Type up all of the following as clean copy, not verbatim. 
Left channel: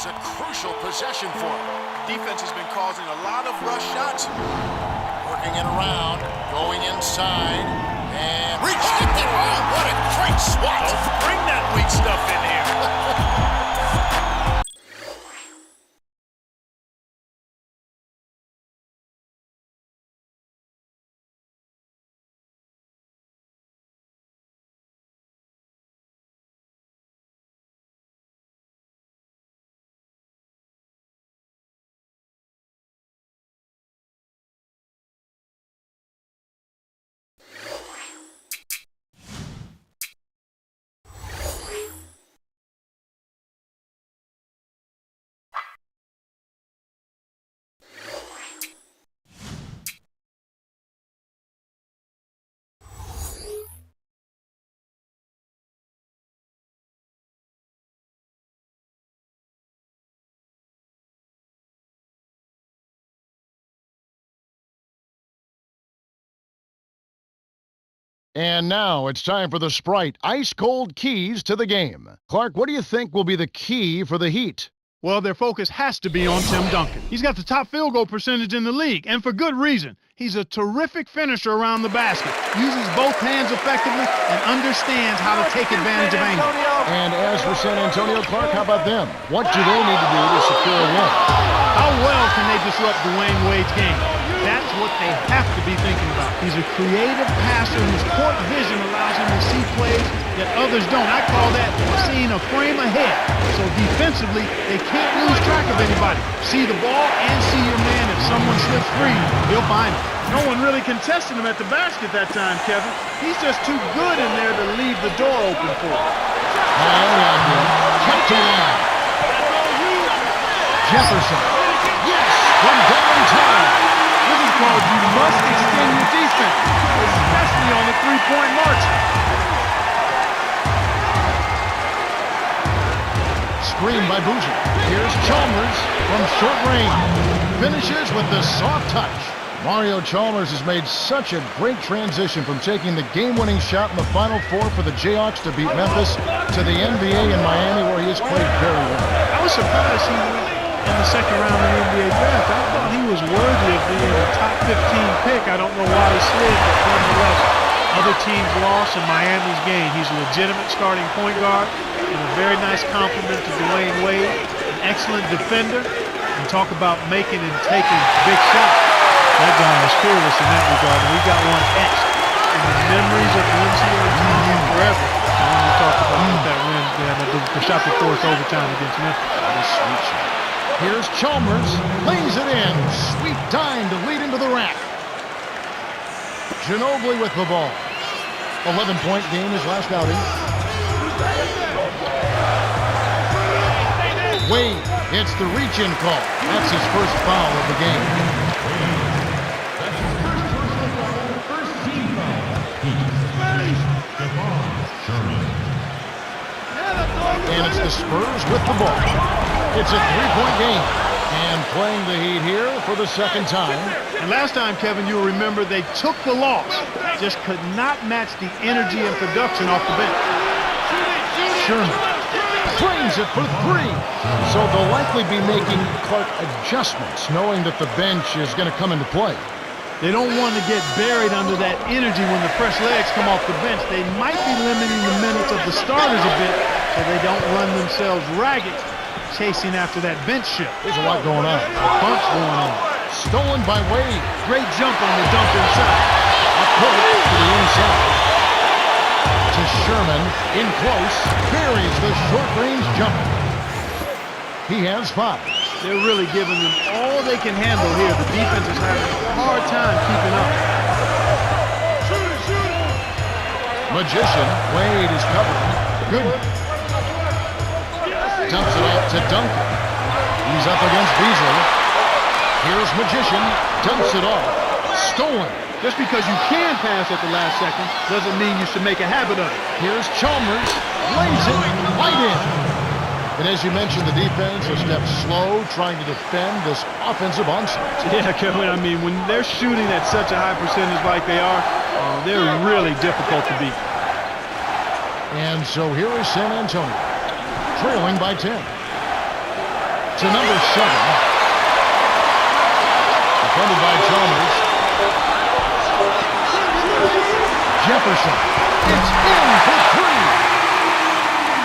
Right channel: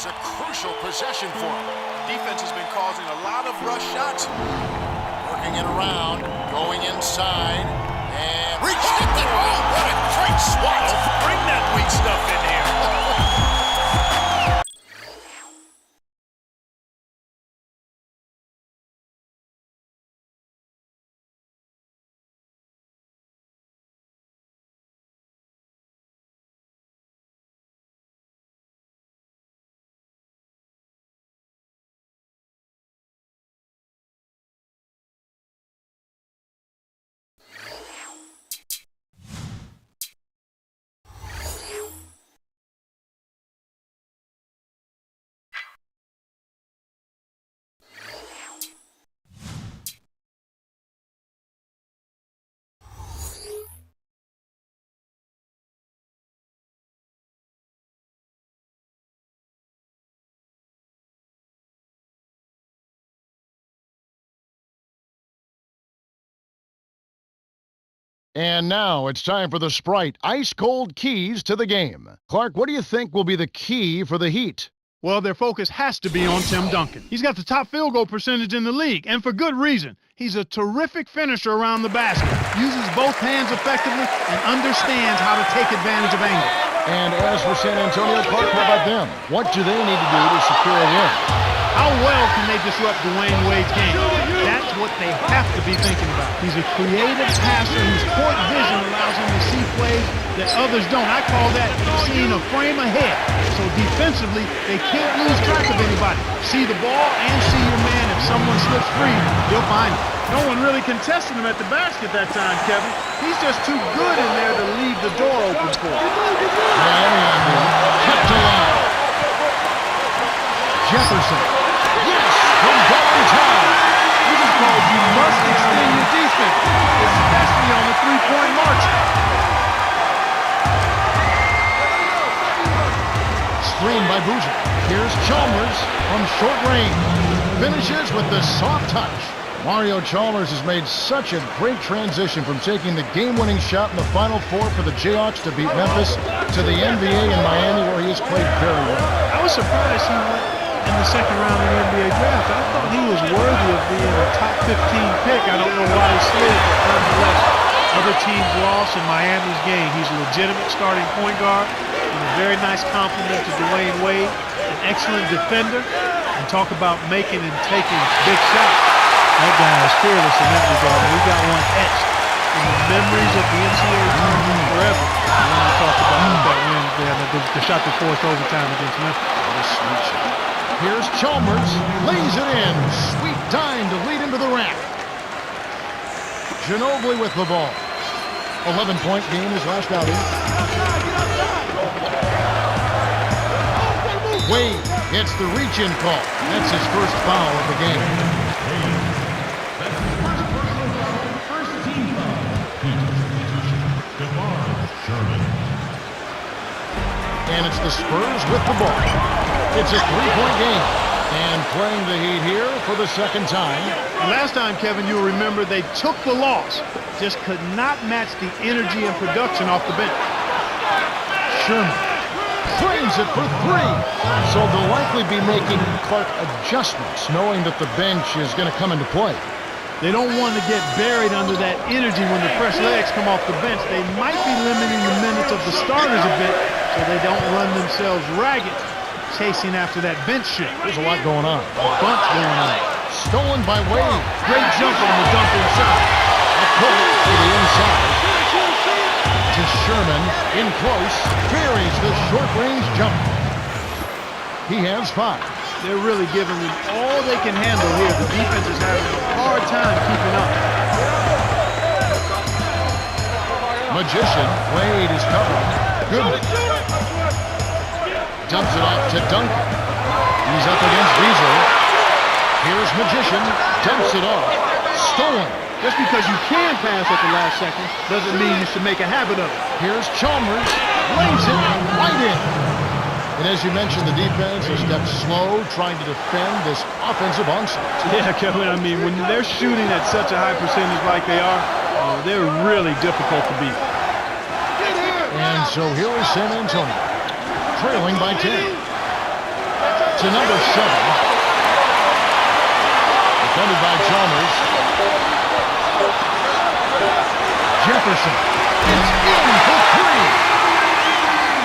is a crucial possession for him. Defense has been causing a lot of rush shots. Working it around, going inside, and Rejected! Oh, what a great swat! Don't bring that weak stuff in here. And now it's time for the Sprite ice-cold keys to the game. Clark, what do you think will be the key for the Heat? Well, their focus has to be on Tim Duncan. He's got the top field goal percentage in the league, and for good reason. He's a terrific finisher around the basket, uses both hands effectively, and understands how to take advantage of angle. And as for San Antonio, Clark, how about them? What do they need to do to secure a win? How well can they disrupt Dwayne Wade's game? That's what they have to be thinking about. He's a creative passer whose court vision allows him to see plays that others don't. I call that seeing a frame ahead. So defensively, they can't lose track of anybody. See the ball and see your man. If someone slips free, he'll find it. No one really contested him at the basket that time, Kevin. He's just too good in there to leave the door open for him. Miami on the kept alive. Jefferson. Yes, from downtown. This is called you must extend your defense, especially on the three-point margin. Screen by Boozer. Here's Chalmers from short range. Finishes with the soft touch. Mario Chalmers has made such a great transition from taking the game-winning shot in the Final Four for the Jayhawks to beat Memphis to the NBA in Miami, where he has played very well. I was surprised he went in the second round of the NBA draft. I thought he was worthy of being a top 15 pick. I don't know why he slid, but nonetheless, other teams lost and Miami's gained. He's a legitimate starting point guard and a very nice compliment to Dwayne Wade, an excellent defender, and talk about making and taking big shots. That guy is fearless in that regard, and we got one etched in the memories of the NCAA tournament forever. I wanted to talk about that win, the shot that forced overtime against Memphis. What a sweet shot. Here's Chalmers, lays it in. Sweet dime to lead into the rack. Ginobili with the ball. 11-point game his last outing. Wade gets the reach-in call. That's his first foul of the game. Wade. That's his first personal foul, first team foul. Heat substitution, Devon Sherman. And it's the Spurs with the ball. It's a three-point game. And playing the Heat here for the second time. And last time, Kevin, you'll remember they took the loss. Just could not match the energy and production off the bench. Sherman frames it for three. So they'll likely be making, Clark, adjustments, knowing that the bench is going to come into play. They don't want to get buried under that energy when the fresh legs come off the bench. They might be limiting the minutes of the starters a bit so they don't run themselves ragged chasing after that bench shift. There's a lot going on. A bunch going on. Stolen by Wade. Great jump on the dump inside. Up court to the inside. To Sherman, in close, buries the short-range jumper. He has 5. They're really giving them all they can handle here. The defense is having a hard time keeping up. Magician, Wade is covered. Good. Dumps it off to Duncan. He's up against Beasley. Here's Magician, dumps it off. Stolen. Just because you can pass at the last second doesn't mean you should make a habit of it. Here's Chalmers, lays it right in. And as you mentioned, the defense a step slow, trying to defend this offensive onslaught. Yeah, Kevin, I mean, when they're shooting at such a high percentage like they are, they're really difficult to beat. And so here is San Antonio, trailing by 10. to number 7. Defended by Chalmers. Jefferson. It's in for 3.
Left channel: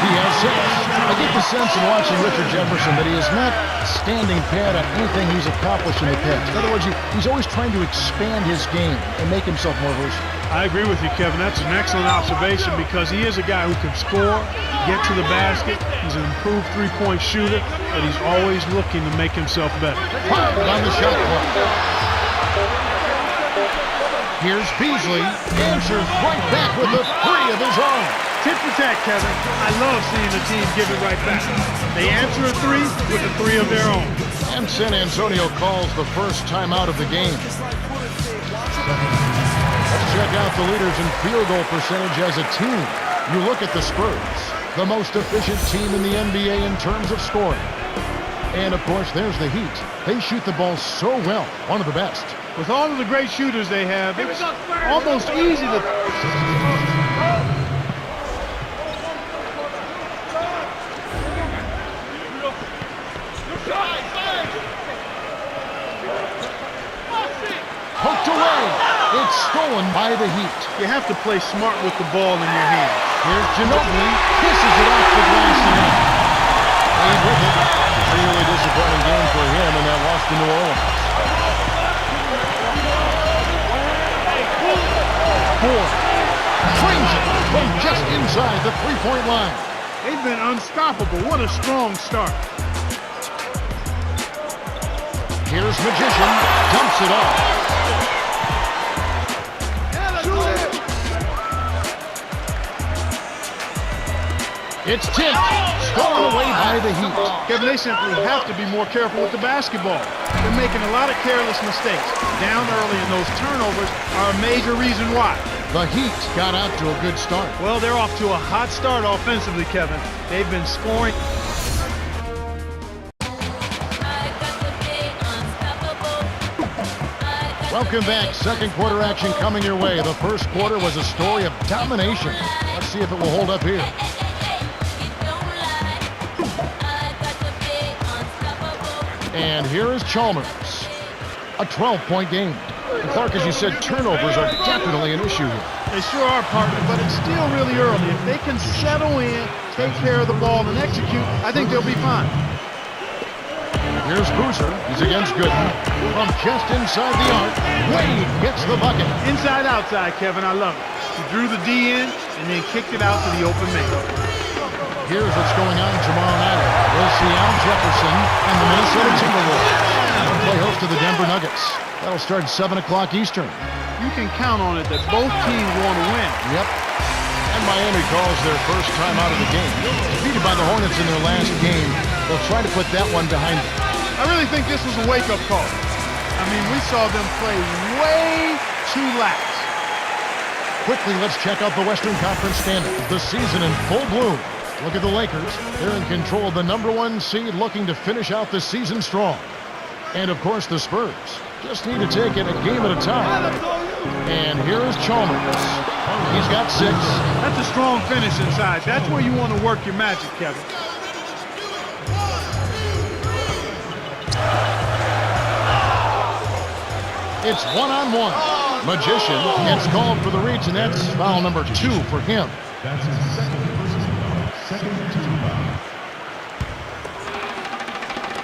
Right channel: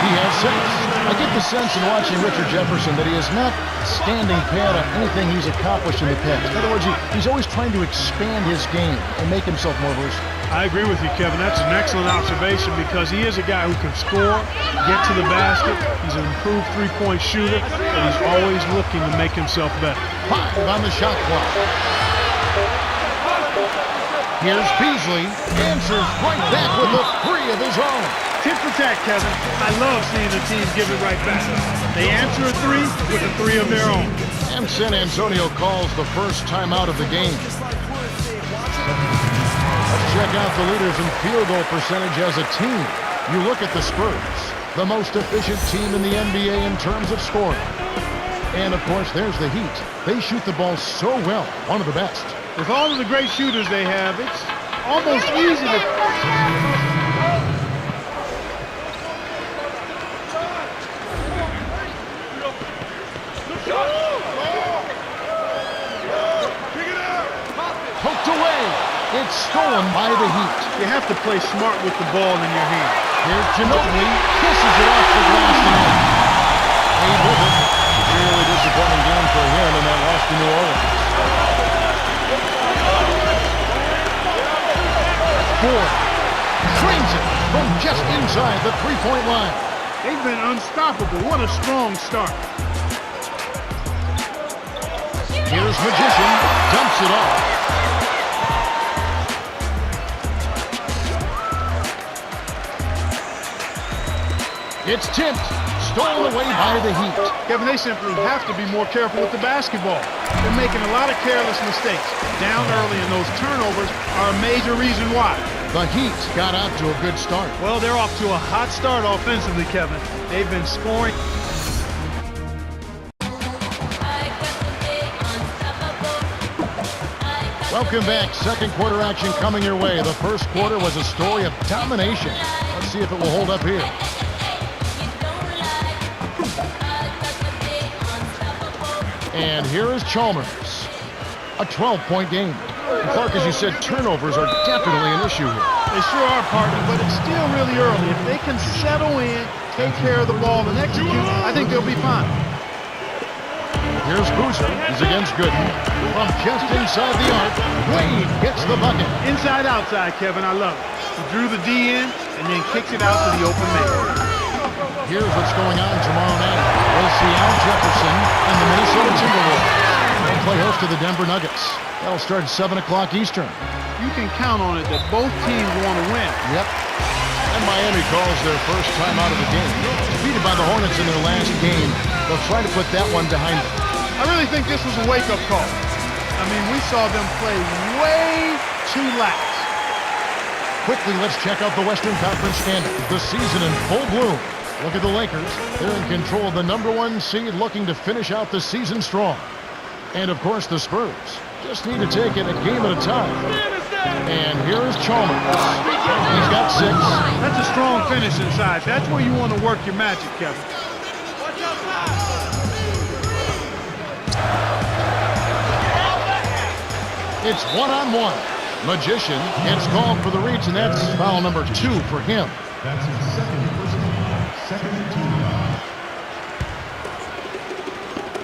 He has 6. I get the sense in watching Richard Jefferson that he is not standing pat on anything he's accomplished in the past. In other words, he's always trying to expand his game and make himself more versatile. I agree with you, Kevin. That's an excellent observation because he is a guy who can score, get to the basket. He's an improved three-point shooter, and he's always looking to make himself better. 5 on the shot clock. Here's Beasley. Answers right back with a 3 of his own. Tit for tat, Kevin. I love seeing the team give it right back. They answer a 3 with a 3 of their own. And San Antonio calls the first timeout of the game. Let's check out the leaders in field goal percentage as a team. You look at the Spurs, the most efficient team in the NBA in terms of scoring. And, of course, there's the Heat. They shoot the ball so well, one of the best. With all of the great shooters they have, it's almost easy to... Poked away. It's stolen by the Heat. You have to play smart with the ball in your hand. Here's Ginobili. Kisses it off the glass and in. Played with it. Really disappointing game for him in that loss to New Orleans. Ford trains it from just inside the three-point line. They've been unstoppable. What a strong start. Here's Magician. Dumps it off. It's tipped. Stolen away by the Heat. Kevin, they simply have to be more careful with the basketball. They're making a lot of careless mistakes. Down early, and those turnovers are a major reason why. The Heat got out to a good start. Well, they're off to a hot start offensively, Kevin. They've been scoring. Welcome back. Second quarter action coming your way. The first quarter was a story of domination. Let's see if it will hold up here. And here is Chalmers. A 12-point game. And Clark, as you said, turnovers are definitely an issue here. They sure are, partner, but it's still really early. If they can settle in, take care of the ball, and execute, I think they'll be fine. Here's Boozer. He's against Gooden. From just inside the arc, Wade gets the bucket. Inside, outside, Kevin. I love it. He drew the D in and then kicked it out to the open man. Here's what's going on tomorrow night. We'll see Al Jefferson and the Minnesota Timberwolves. They'll play host to the Denver Nuggets. That'll start at 7 o'clock Eastern. You can count on it that both teams want to win. Yep. And Miami calls their first time out of the game. Defeated by the Hornets in their last game, they'll try to put that one behind them. I really think this was a wake-up call. I mean, we saw them play way too lax. Quickly, let's check out the Western Conference standings. The season in full bloom. Look at the Lakers. They're in control of the #1 seed, looking to finish out the season strong. And, of course, the Spurs just need to take it a game at a time. And here is Chalmers. He's got 6. That's a strong finish inside. That's where you want to work your magic, Kevin. It's one-on-one. Magician gets called for the reach, and that's foul number 2 for him. That's his second personal foul, second team foul.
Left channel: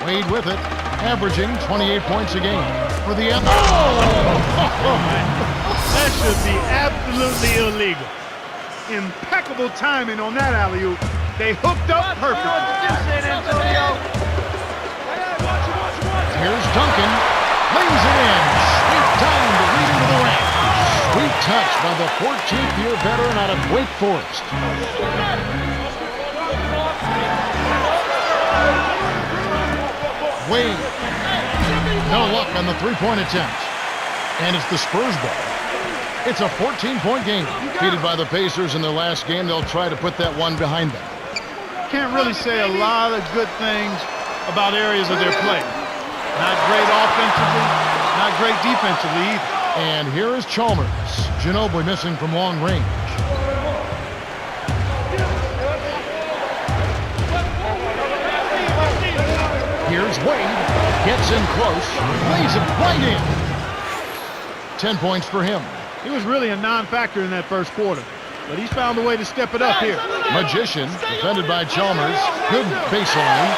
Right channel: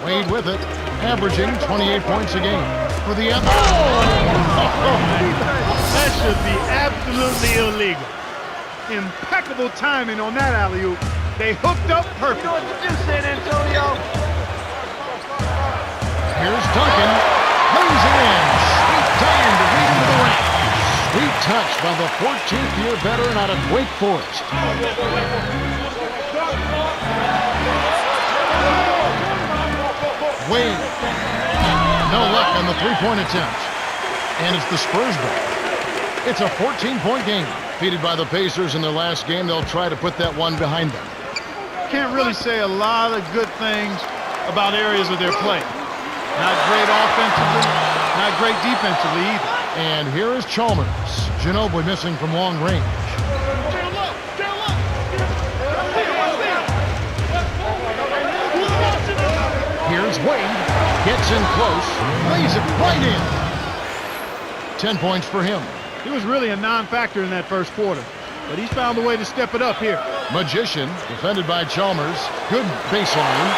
Wade with it, averaging 28 points a game. For the end. That should be absolutely illegal. Impeccable timing on that alley-oop. They hooked up perfect. You know what to do, San Antonio. Here's Duncan. Lays it in. Sweet time to lead into the rack. Sweet touch by the 14th-year veteran out of Wake Forest. Wade. No luck on the three-point attempt. And it's the Spurs ball. It's a 14-point game. Defeated by the Pacers in their last game, they'll try to put that one behind them. Can't really say a lot of good things about areas of their play. Not great offensively, not great defensively either. And here is Chalmers. Ginobili missing from long range. Here's Wade. Gets in close. Lays it right in. 10 points for him. He was really a non-factor in that first quarter, but he's found a way to step it up here. Magician, defended by Chalmers. Good baseline.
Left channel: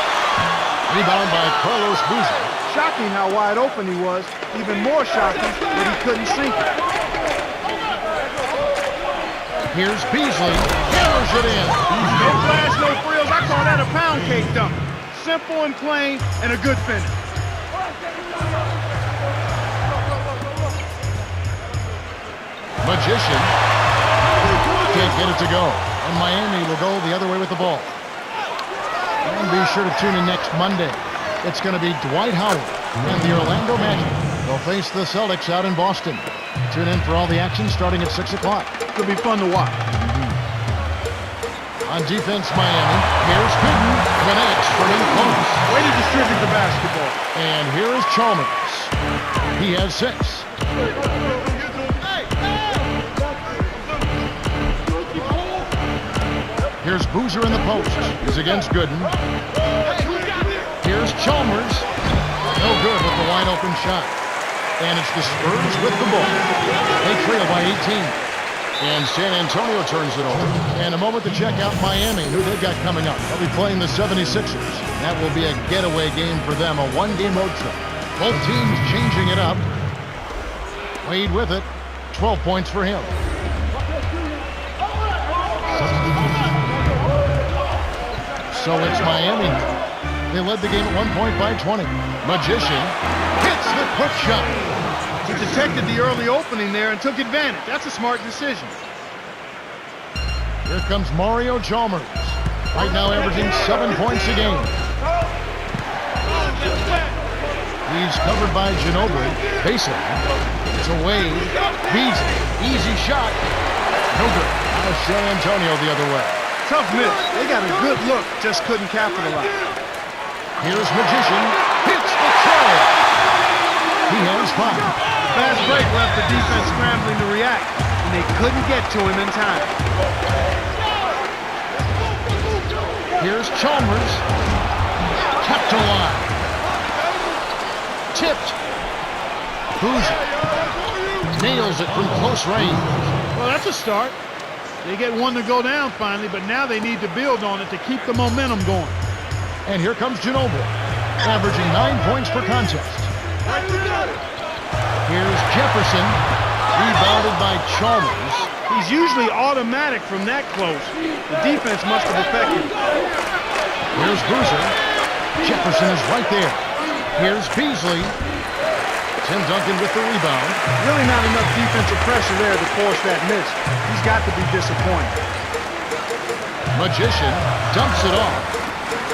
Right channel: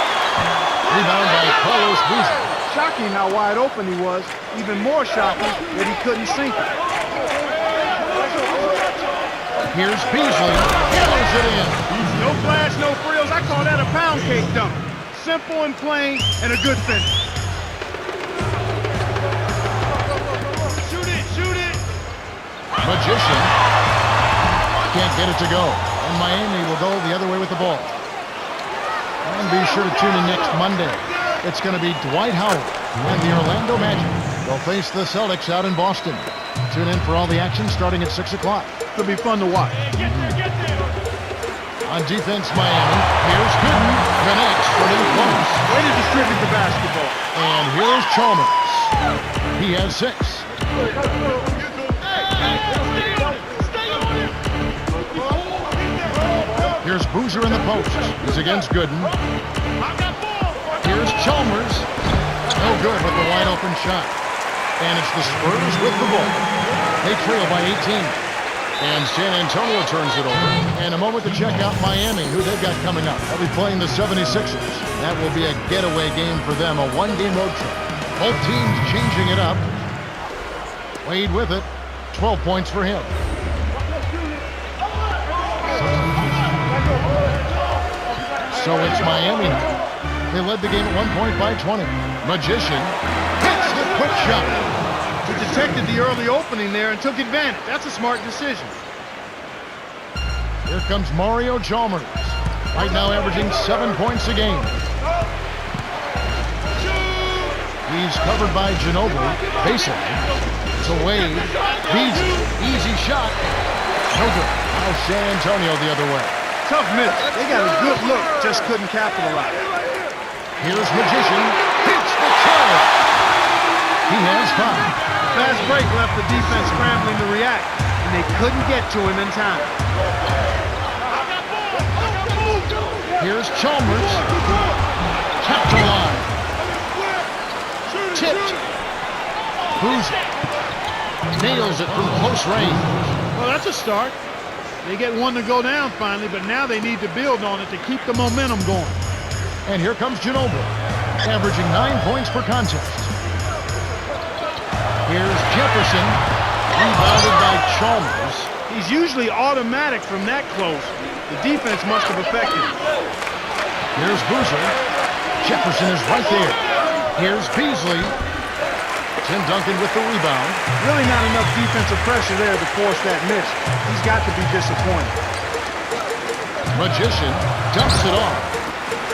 Rebound by Carlos Boozer. Shocking how wide open he was. Even more shocking that he couldn't sink it. Here's Beasley. Hammers it in. No flash, no frills. I call that a pound cake dunk. Simple and plain, and a good finish. Magician can't get it to go. And Miami will go the other way with the ball. And be sure to tune in next Monday. It's going to be Dwight Howard and the Orlando Magic. They'll face the Celtics out in Boston. Tune in for all the action starting at 6 o'clock. It'll be fun to watch. On defense, Miami. Here's Gooden. Connects from in close. Way to distribute the basketball. And here's Chalmers. He has 6. Here's Boozer in the post. He's against Gooden. Here's Chalmers. No good with the wide open shot. And it's the Spurs with the ball. They trail by 18. And San Antonio turns it over. And a moment to check out Miami, who they've got coming up. They'll be playing the 76ers. That will be a getaway game for them, a one-game road trip. Both teams changing it up. Wade with it. 12 points for him. So it's Miami now. They led the game at one point by 20. Magician hits the quick shot. He detected the early opening there and took advantage. That's a smart decision. Here comes Mario Chalmers. Right now averaging 7 points a game. He's covered by Ginobili. Baseline. It's a Wade. Beasley. Easy shot. No good. Now San Antonio the other way. Tough miss. They got a good look, just couldn't capitalize. Here's Magician. Hits the tray. He has 5. The fast break left the defense scrambling to react, and they couldn't get to him in time. Here's Chalmers. Kept alive. Tipped. Boozer nails it from close range. Well, that's a start. They get one to go down finally, but now they need to build on it to keep the momentum going. And here comes Ginobili, averaging 9 points per contest. Here's Jefferson, rebounded by Chalmers. He's usually automatic from that close. The defense must have affected him. Here's Boozer. Jefferson is right there. Here's Beasley. Tim Duncan with the rebound. Really not enough defensive pressure there to force that miss. He's got to be disappointed. Magician dumps it off.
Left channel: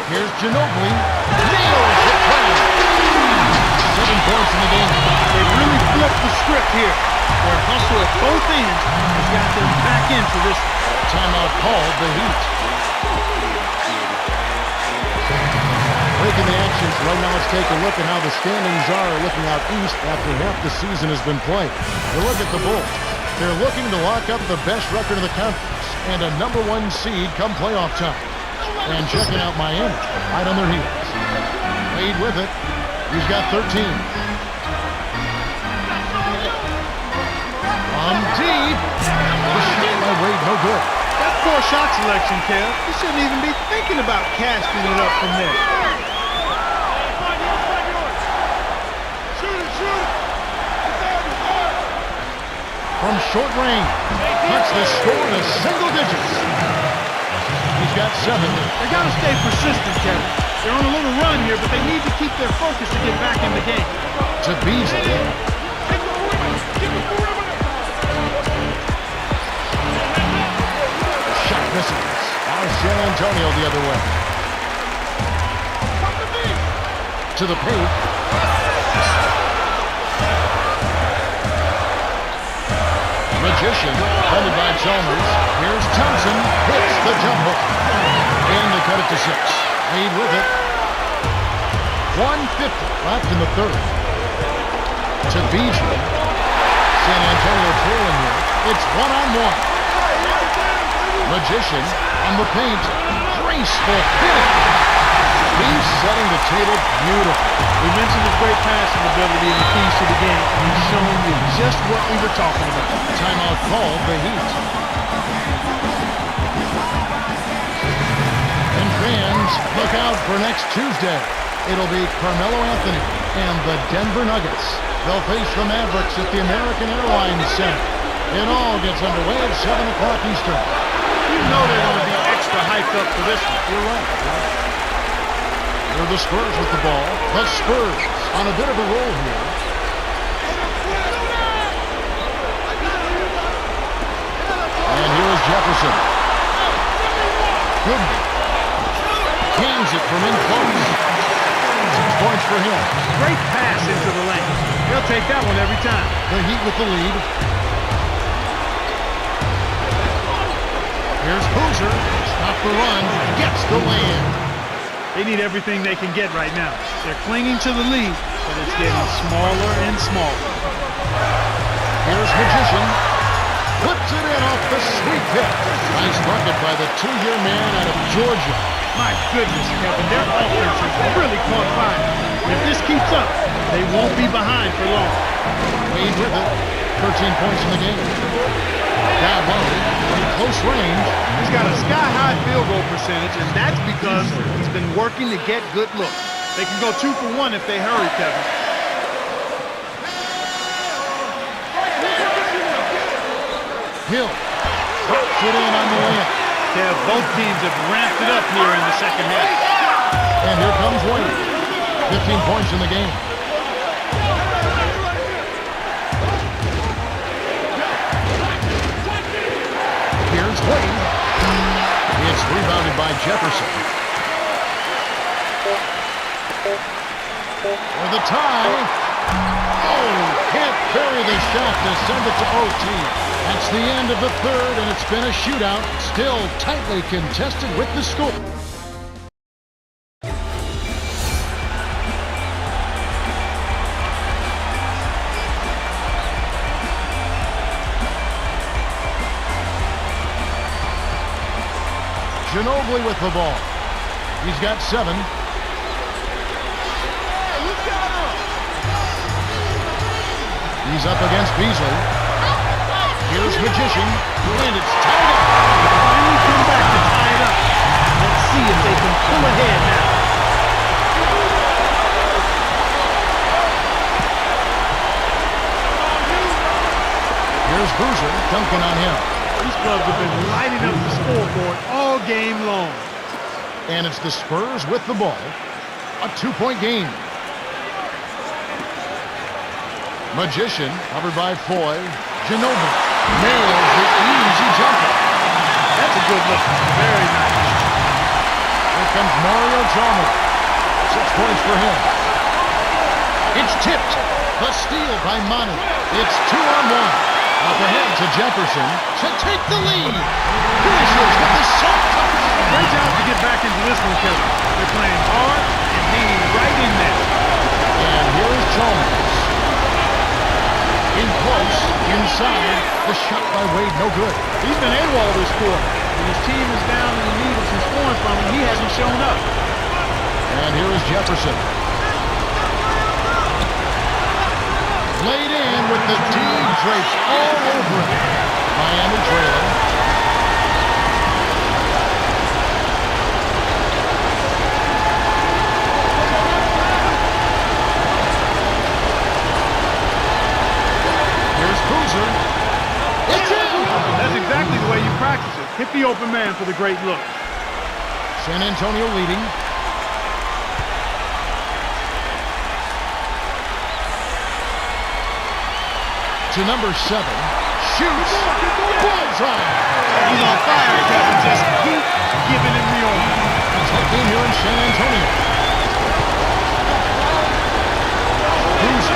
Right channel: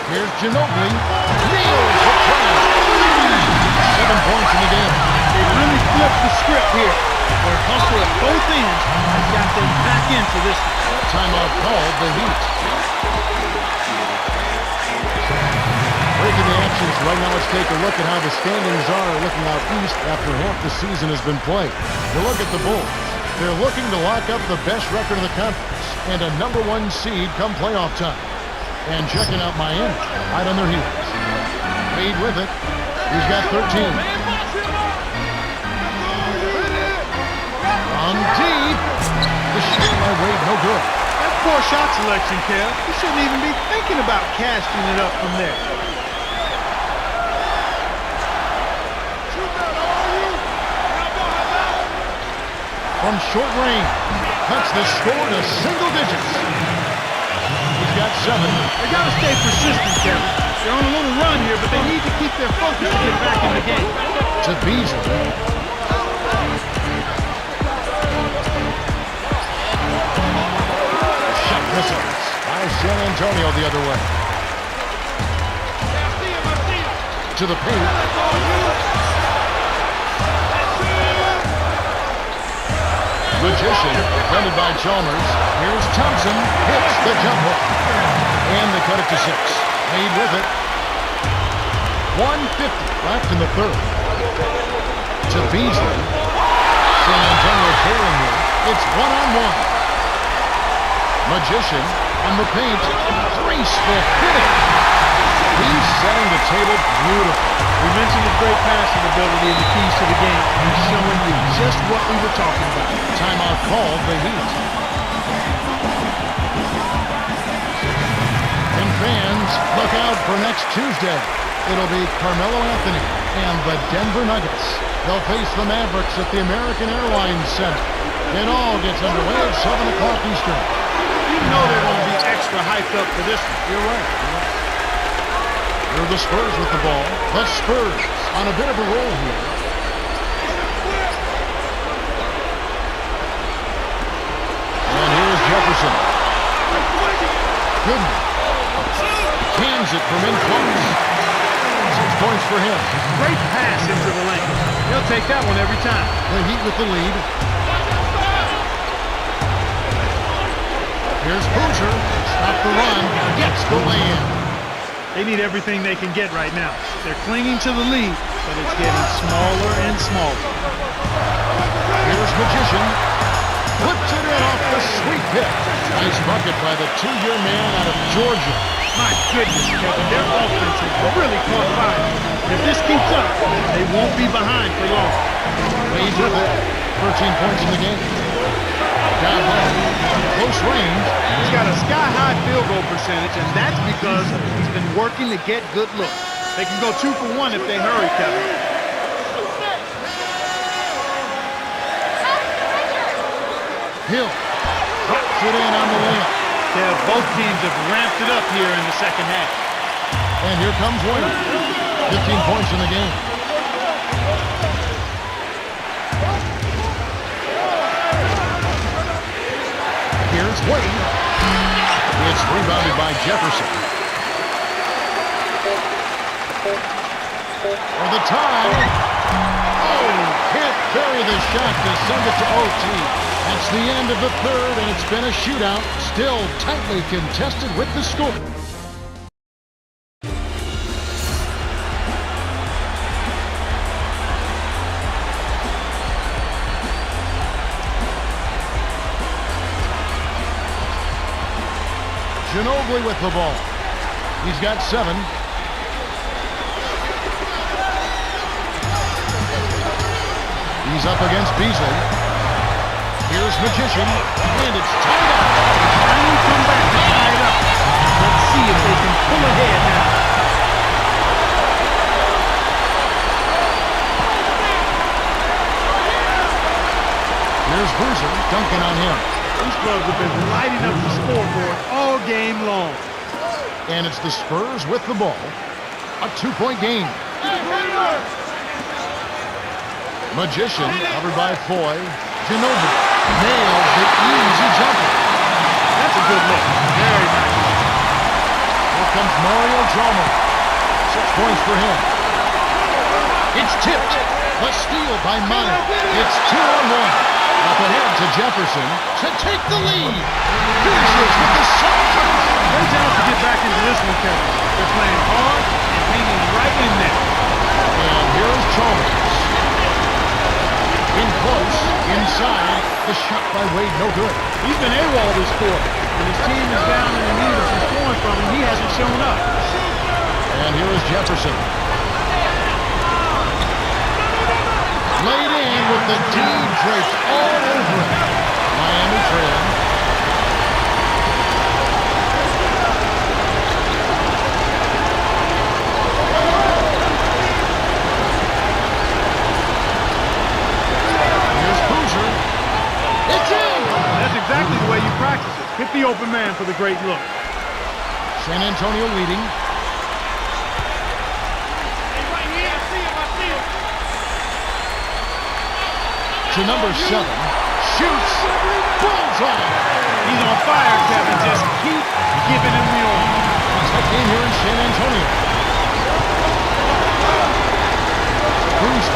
Here's Ginobili. Nails the train. 7 points in the game. They really flipped the script here. Their hustle at both ends has got them back into this. Timeout called the Heat. Breaking the action, so right now let's take a look at how the standings are looking out east after half the season has been played. You look at the Bulls. They're looking to lock up the best record of the conference and a #1 seed come playoff time. And checking out Miami, right on their heels. Wade with it. He's got 13. From deep. The shot by Wade, no good. That's poor shot selection, Kev. You shouldn't even be thinking about casting it up from there. From short range, cuts the score to single digits. He's got 7. They got to stay persistent, Kevin. They're on a little run here, but they need to keep their focus to get back in the game. To Beasley. The shot misses. Now San Antonio the other way. To the paint. Magician, defended by Chalmers. Here's Thompson, hits the jump hook. And they cut it to 6. Wade with it. 1:50 left in the third. To Beasley. San Antonio trailing here. It's 1-on-1. Magician on the paint. Graceful finish. He's setting the table beautifully. We mentioned his great passing ability and the keys to the game, and he's showing you just what we were talking about. Timeout called the Heat. And fans, look out for next Tuesday. It'll be Carmelo Anthony and the Denver Nuggets. They'll face the Mavericks at the American Airlines Center. It all gets underway at 7 o'clock Eastern. You know they're going to be extra hyped up for this one. You're right. Here are the Spurs with the ball. The Spurs on a bit of a roll here. And here is Jefferson. Goodman cans it from in close. 6 points for him. Great pass into the lane. They'll take that one every time. The Heat with the lead. Here's Boozer. Stop the run. Gets the lay-in. They need everything they can get right now. They're clinging to the lead, but it's getting smaller and smaller. Here's Magician. Flips it in off the sweep hit. Nice bucket by the 2-year man out of Georgia. My goodness, Kevin, their offense has really caught fire. And if this keeps up, they won't be behind for long. Wade with it. 13 points in the game. Down low, close range. He's got a sky-high field goal percentage, and that's because he's been working to get good looks. They can go 2 for 1 if they hurry, Kevin. Hill drops it in on the layup. Kev, both teams have ramped it up here in the second half. And here comes Wade. 15 points in the game. Here's Wade. It's rebounded by Jefferson. For the tie. Oh, can't bury the shot to send it to OT. That's the end of the third, and it's been a shootout. Still tightly contested with the score. Ginobili with the ball. He's got 7. He's up against Beasley. Here's Magician, and it's tied up. They finally come back to tie it up. Let's see if they can pull ahead now. Here's Boozer dunking on him. These clubs have been lighting up the scoreboard all game long. And it's the Spurs with the ball. A 2-point game. Magician, covered by Foy. Ginobili nails the easy jumper. That's a good look. Very nice look. Here comes Mario Chalmers. 6 points for him. It's tipped. The steal by Manu. It's 2-on-1. Up ahead to Jefferson to take the lead. Finishes with the soft touch. Great job to get back into this one, Kevin. They're playing hard and hanging right in there. And here is Chalmers. In close, inside. The shot by Wade, no good. He's been AWOL this quarter. When his team is down and in need of some scoring from him, he hasn't shown up. And here is Jefferson. Laid in with the D draped all over it. Miami trailing. Here's Boozer. It's in! That's exactly the way you practice it. Hit the open man for the great look. San Antonio leading. To number 7, shoots, bullseye. He's on fire, Kevin. Just keep giving him the oil. A tight game here in San Antonio. Boozer.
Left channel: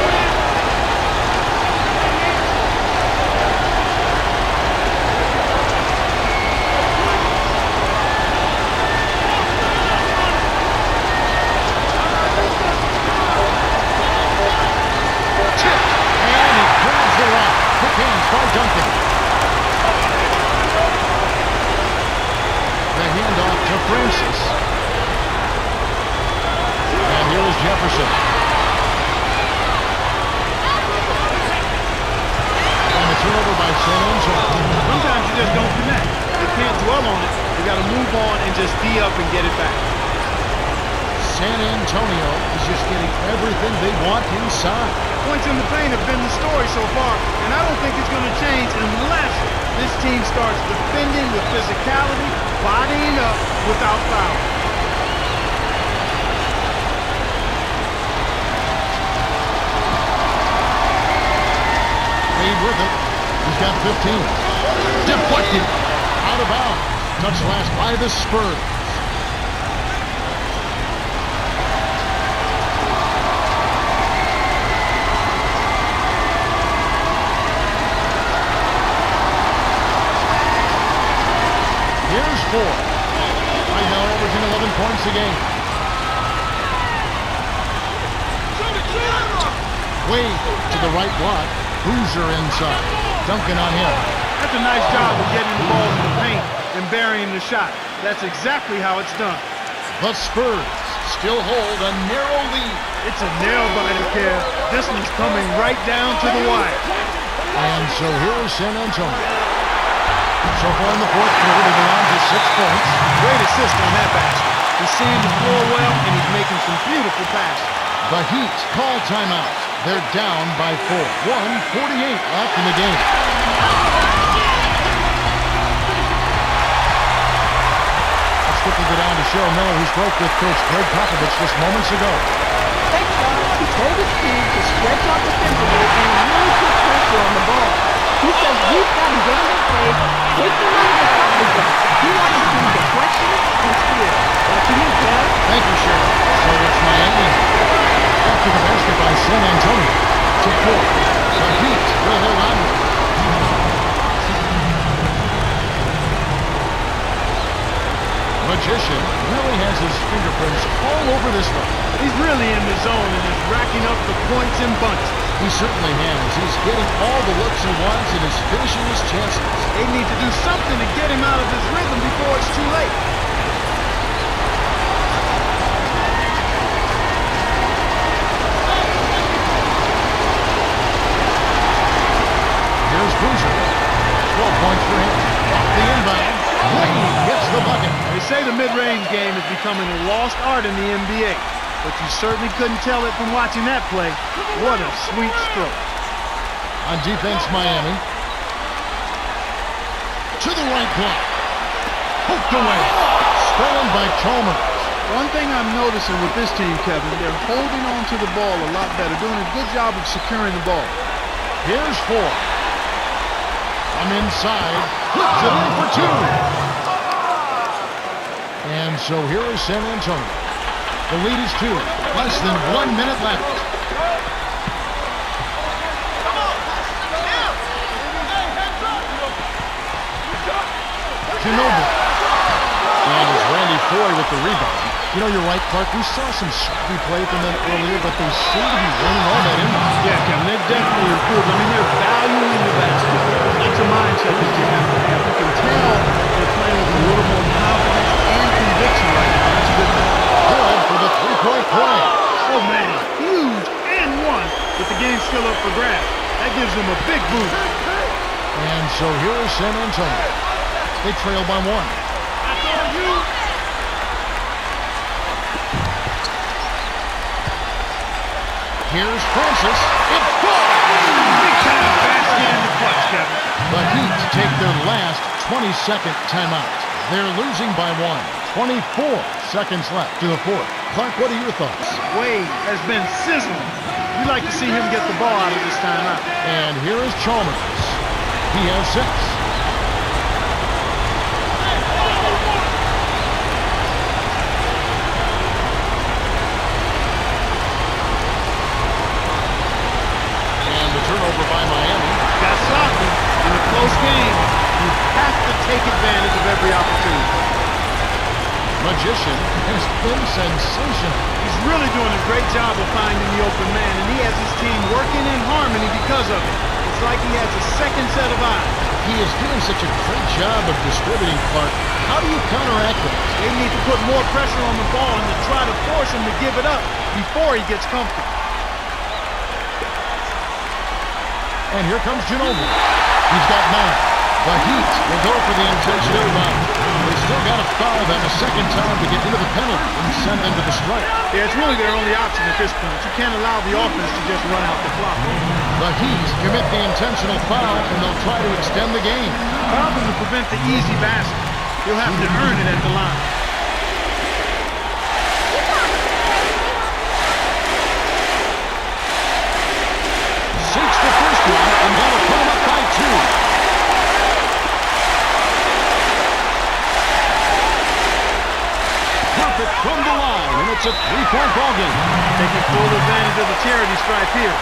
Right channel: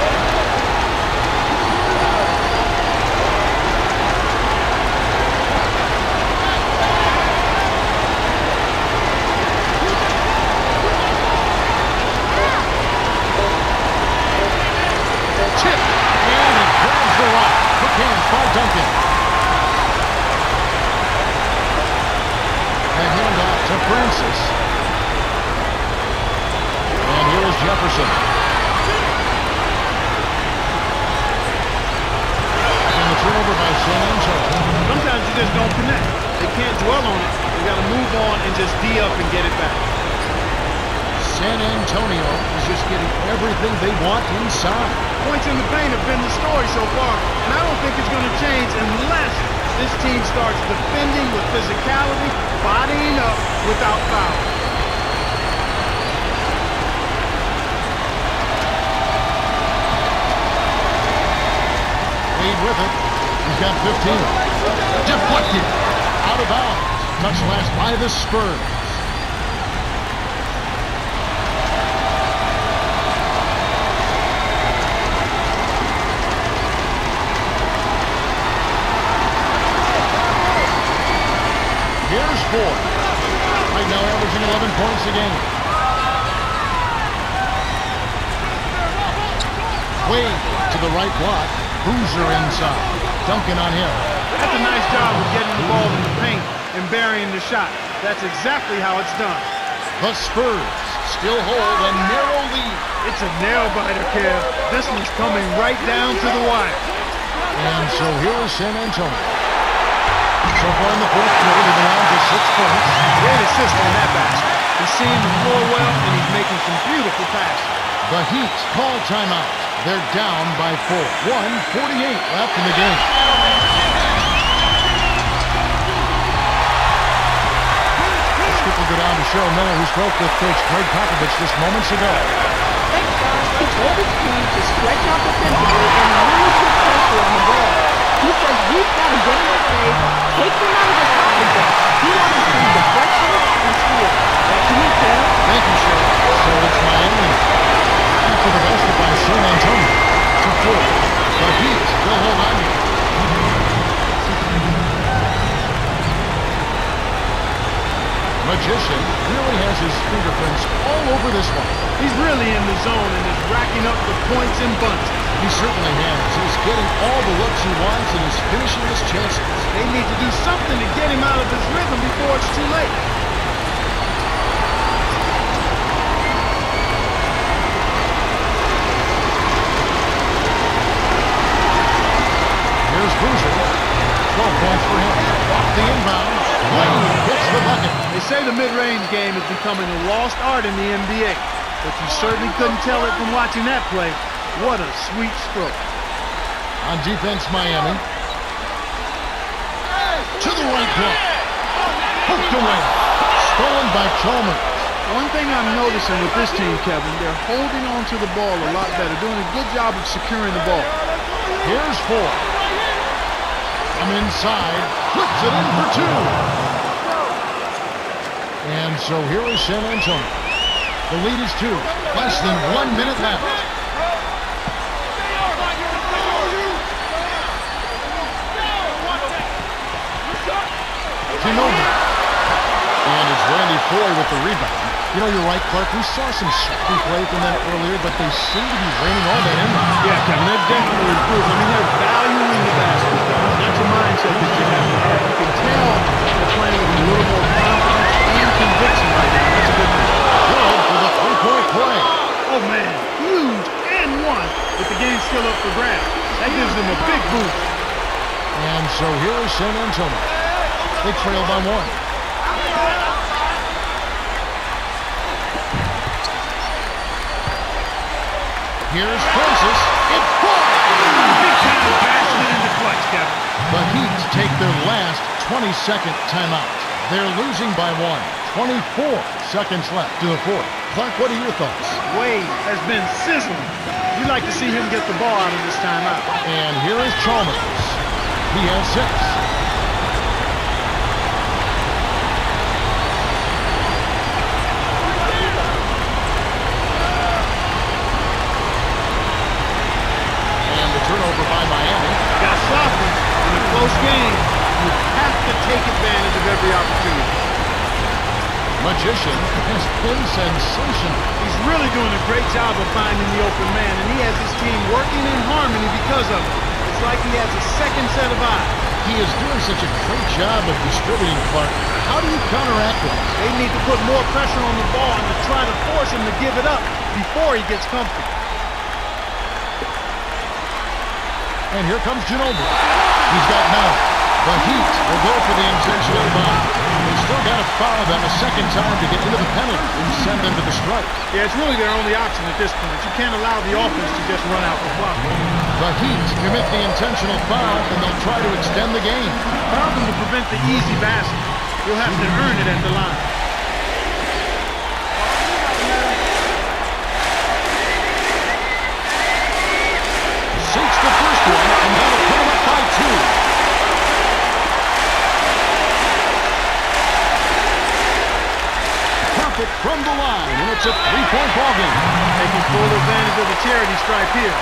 Tipped. And he grabs the rock. Quick hands by Duncan. The handoff to Francis. And here is Jefferson. And the turnover by San Antonio. Sometimes you just don't connect. They can't dwell on it. They got to move on and just D up and get it back. San Antonio is just getting everything they want inside. Points in the paint have been the story so far, and I don't think it's going to change unless this team starts defending with physicality, bodying up without foul. Wade with it. He's got 15. Deflected. Out of bounds. Touch last by the Spurs. Here's Ford. Right now averaging 11 points a game. Wade to the right block. Boozer inside. Duncan on him. That's a nice job of getting the ball in the paint and burying the shot. That's exactly how it's done. The Spurs still hold a narrow lead. It's a nail-biter, Kev. This one's coming right down to the wire. And so here is San Antonio. So far in the fourth quarter, they've allowed just 6 points. Great assist on that basket. He's seeing the floor well, and he's making some beautiful passes. The Heat call timeout. They're down by 4. 1:48 left in the game. Let's quickly go down to Cheryl Miller, who spoke with Coach Greg Popovich just moments ago. Thanks, guys. He told his team to stretch out defensively and really put pressure on the ball. He says we've got to get in their face, take them out of their comfort zone. He wants to see deflection and steal. Back to you, Kev. Thank you, Cheryl. So it's Miami. After the basket by San Antonio to 4. The Heat will hold on to it. Magician really has his fingerprints all over this one. He's really in the zone and is racking up the points in bunches. He certainly has. He's getting all the looks he wants and is finishing his chances. They need to do something to get him out of his rhythm before it's too late. Here's Boozer. 12 points for him. Off the inbound. Wade gets the bucket. They say the mid-range game is becoming a lost art in the NBA, but you certainly couldn't tell it from watching that play. What a sweet stroke. On defense, Miami. To the right block. Poked away. Stolen by Chalmers. One thing I'm noticing with this team, Kevin, they're holding on to the ball a lot better, doing a good job of securing the ball. Here's Ford. From inside, flips it in for 2. And so here is San Antonio. The lead is 2. Less than 1 minute left. Ginobili. And it's Randy Foy with the rebound. You know, you're right, Clark. We saw some sloppy play from them earlier, but they seem to be reining all that in. Yeah, Kevin, they've definitely improved. I mean, they're valuing the basket. That's a mindset that you have to have. You can tell they're playing with a little more confidence and conviction right now. That's a good thing. Good for the three-point play. Oh, man, huge and one, with the game still up for grabs. That gives them a big boost. And so here is San Antonio. They trail by 1. Here's Francis. It falls! Big time basket in the clutch, Kevin. The Heat take their last 20-second timeout. They're losing by 1. 24 seconds left to the fourth. Clark, what are your thoughts? Wade has been sizzling. You'd like to see him get the ball out of this timeout. And here is Chalmers. He has 6. Turnover by Miami. Got sloppy in a close game. You have to take advantage of every opportunity. Magician has been sensational. He's really doing a great job of finding the open man, and he has his team working in harmony because of it. It's like he has a second set of eyes. He is doing such a great job of distributing, Clark. How do you counteract that? They need to put more pressure on the ball and to try to force him to give it up before he gets comfy. And here comes Ginobili. He's got 9. The Heat will go for the intentional foul. They still got to foul them a second time to get into the penalty and send them to the strike. Yeah, it's really their only option at this point. You can't allow the offense to just run out the clock. The Heat commit the intentional foul, and they'll try to extend the game. Foul them to prevent the easy basket. You'll have to earn it at the line. Sinks the first one, and that'll put him up by 2. Perfect from the line, and it's a 3-point ball game. Taking full advantage of the charity stripe here,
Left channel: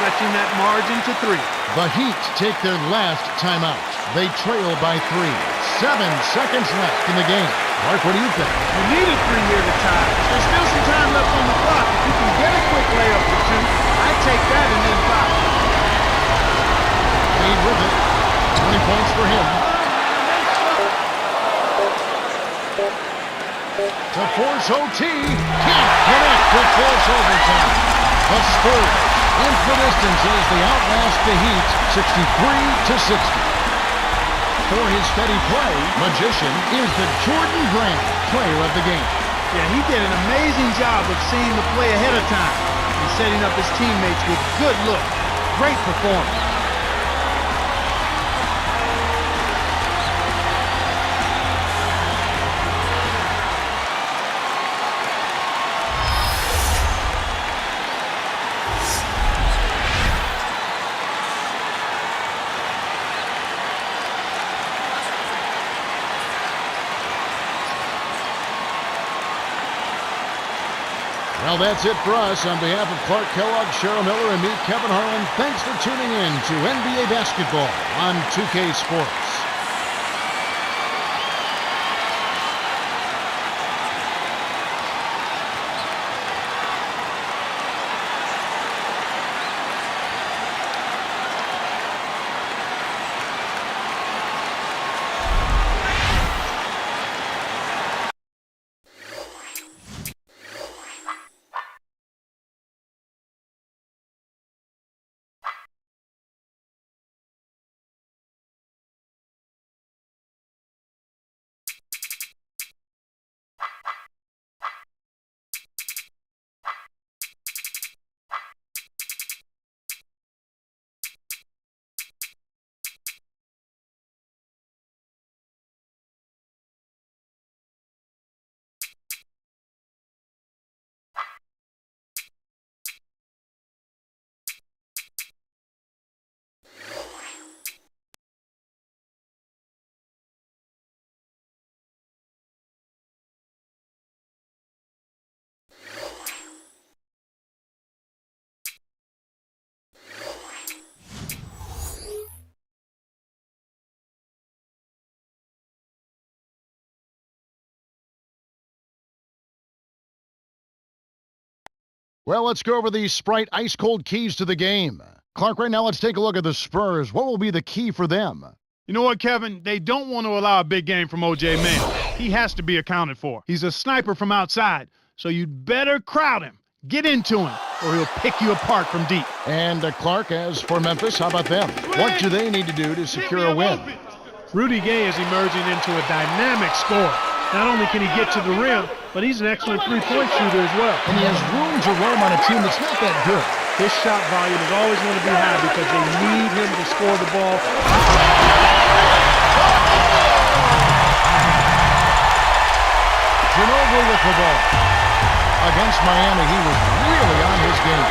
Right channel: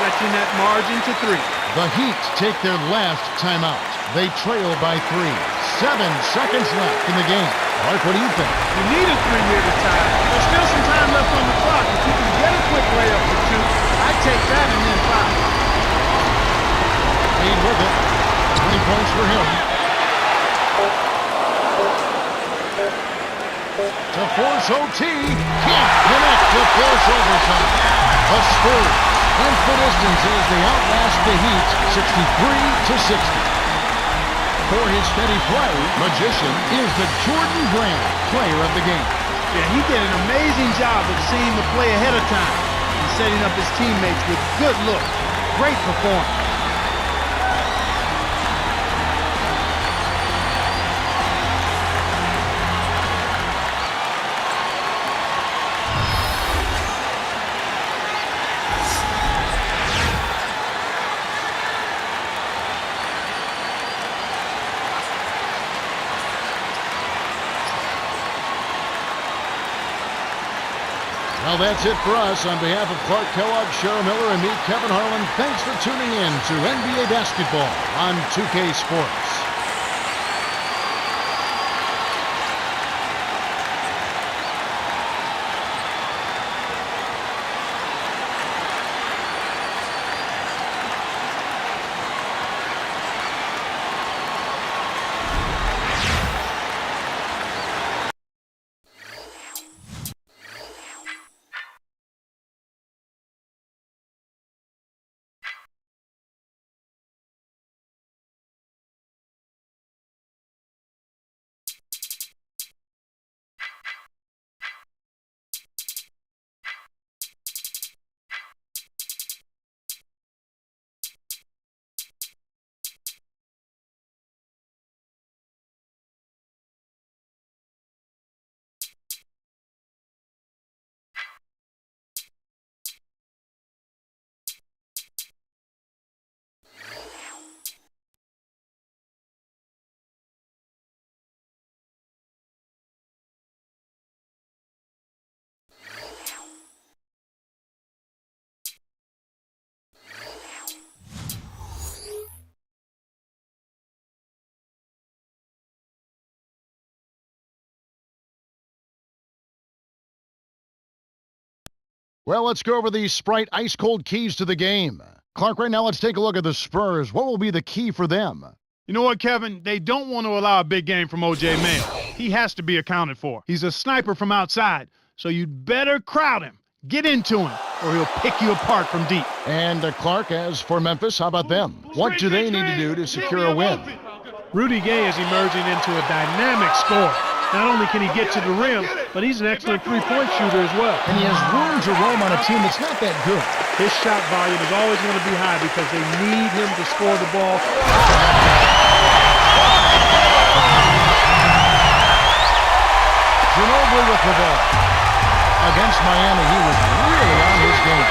stretching that margin to 3. The Heat take their last timeout. They trail by 3. 7 seconds left in the game. Mark, what do you think? You need a 3 here to tie. There's still some time left on the clock. If you can get a quick layup for 2, I'd take that and then 5. Made with it. 20 points for him. To force OT. Can't connect to force overtime. The Spurs ends the distance as they outlast the Heat 63-60. For his steady play, Magician is the Jordan Brand player of the game. Yeah, he did an amazing job of seeing the play ahead of time and setting up his teammates with good looks. Great performance. Well, that's it for us. On behalf of Clark Kellogg, Cheryl Miller, and me, Kevin Harlan, thanks for tuning in to NBA Basketball on 2K Sports. Well, let's go over the Sprite ice-cold keys to the game. Clark, right now let's take a look at the Spurs. What will be the key for them? You know what, Kevin? They don't want to allow a big game from O.J. Mayo. He has to be accounted for. He's a sniper from outside, so you'd better crowd him. Get into him, or he'll pick you apart from deep. And Clark, as for Memphis, how about them? What do they need to do to secure a win? Rudy Gay is emerging into a dynamic scorer. Not only can he get to the rim, but he's an excellent three-point shooter as well. And he has room to roam on a team that's not that good. His shot volume is always going to be high because they need him to score the ball. Ginobili with the ball. Against Miami, he was really on his game.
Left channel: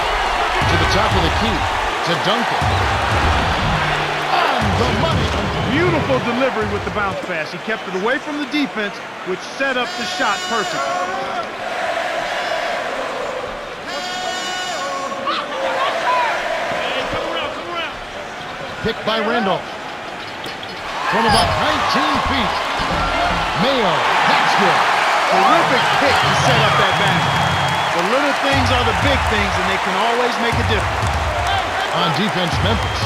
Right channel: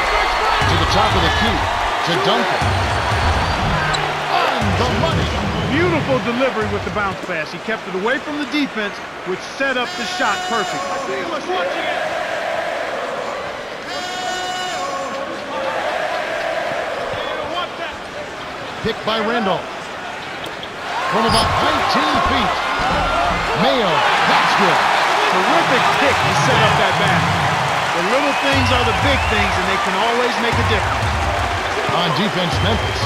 To the top of the key, to Duncan. On the money. Beautiful delivery with the bounce pass. He kept it away from the defense, which set up the shot perfectly. Picked by Randolph. From about 19 feet. Mayo, that's good. Terrific pick to set up that basket. The little things are the big things, and they can always make a difference. On defense, Memphis.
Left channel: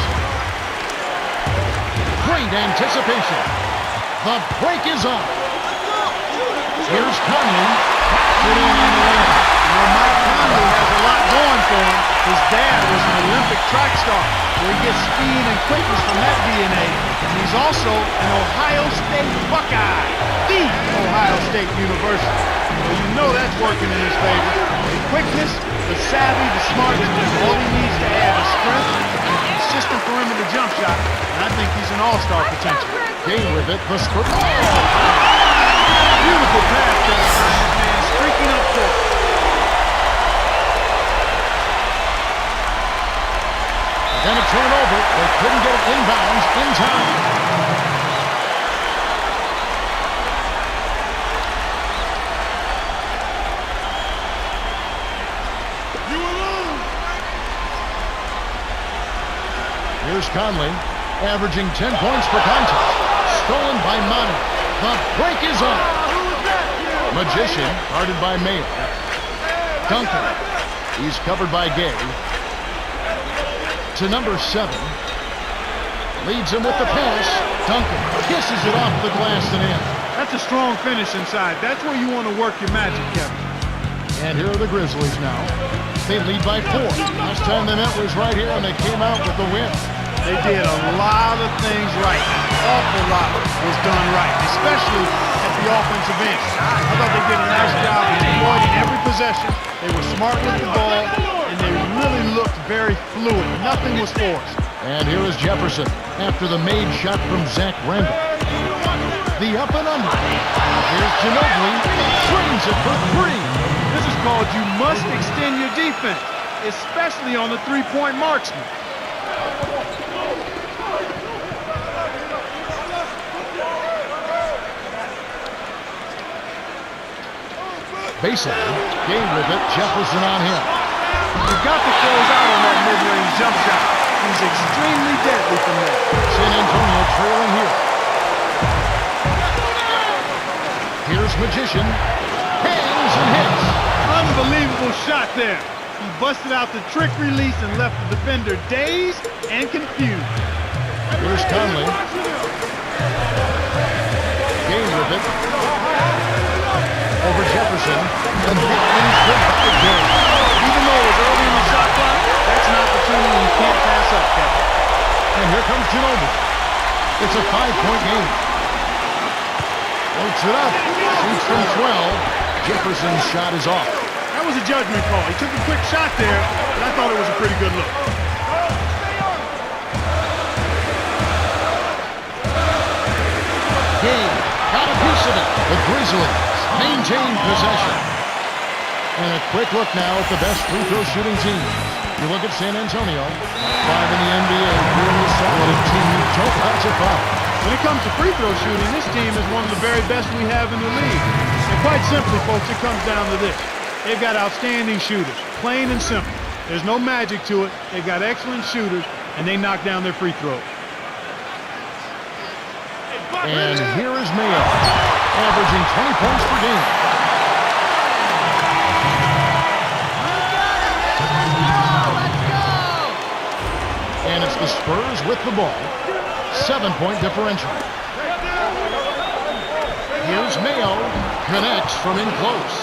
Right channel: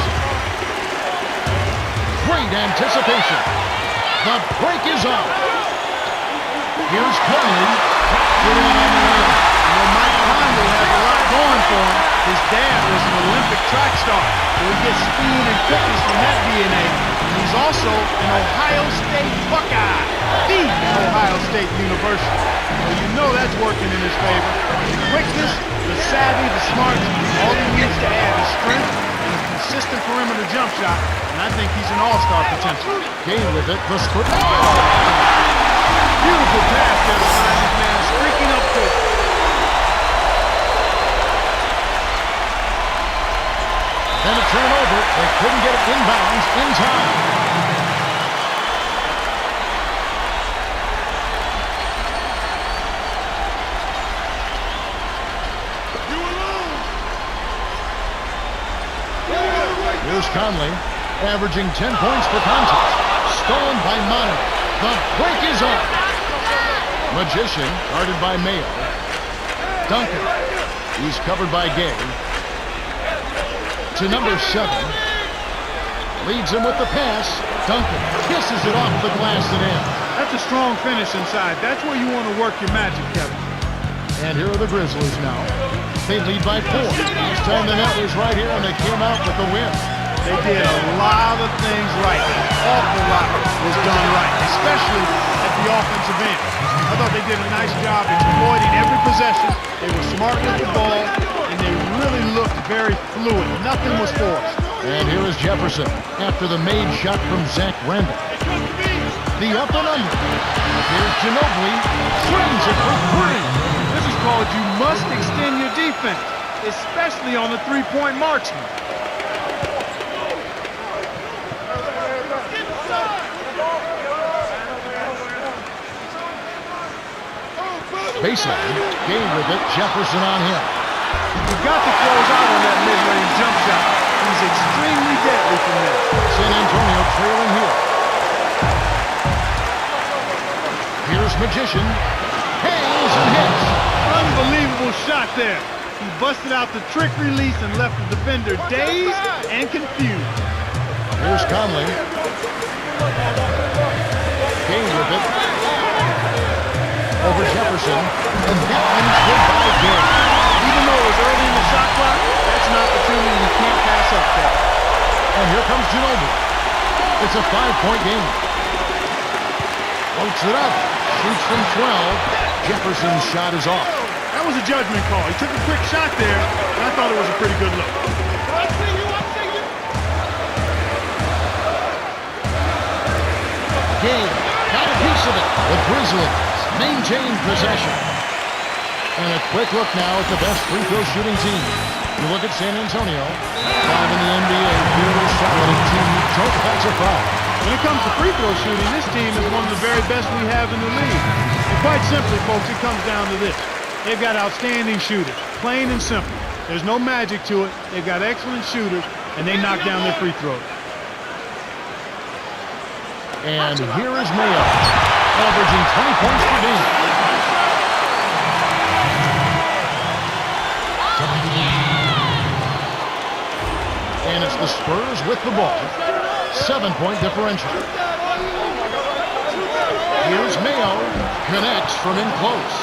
Great anticipation. The break is on. Here's Conley. Drops it in on the way. You know, Mike Conley has a lot going for him. His dad was an Olympic track star, so he gets speed and quickness from that DNA. And he's also an Ohio State Buckeye, the Ohio State University. So you know that's working in his favor. The quickness, the savvy, the smartness, all he needs to add is strength and a consistent perimeter jump shot, and I think he's an all-star potential. Gay with it, the script. Beautiful pass there to find this man streaking up court. Then to turn it over, they couldn't get it inbounds in time. You alone. Here's Conley, averaging 10 points per contest. Stolen by Manu. The break is on. Magician, guarded by Mayo. Duncan, he's covered by Gay. To number 7. Leads him with the pass. Duncan kisses it off the glass and in. That's a strong finish inside. That's where you want to work your magic, Kevin. And here are the Grizzlies now. They lead by 4. Last time the net was right here, and they came out with the win. They did a lot of things right. An awful lot was done right, especially at the offensive end. I thought they did a nice job exploiting every possession. They were smart with the ball, and they really looked very fluid. Nothing was forced. And here is Jefferson after the made shot from Zach Randall. The up and under. Here's Ginobili. Trains it for 3. This is called you must extend your defense, especially on the three-point marksman. Baseline. Gay with it. Jefferson on him. You've got to close out on that mid-range jump shot. He's extremely deadly from there. San Antonio trailing here. Here's Magician. Hangs and hits. Unbelievable shot there. He busted out the trick release and left the defender dazed and confused. Here's Conley. Gay with it. Over Jefferson. And that one's good by Gay. Even though it was early in the shot clock, that's an opportunity you can't pass up, Kevin. And here comes Ginobili. It's a 5-point game. Floats it up. Shoots from 12. Jefferson's shot is off. That was a judgment call. He took a quick shot there, but I thought it was a pretty good look. Gay got a piece of it. The Grizzlies maintain possession. And a quick look now at the best free throw shooting teams. You look at San Antonio, 5 in the NBA, really solid team. You don't catch a foul. When it comes to free throw shooting, this team is one of the very best we have in the league. And quite simply, folks, it comes down to this. They've got outstanding shooters, plain and simple. There's no magic to it. They've got excellent shooters, and they knock down their free throws. And here is Mayo, averaging 20 points per game. And it's the Spurs with the ball. 7-point differential. Here's Mayo. Connects from in close.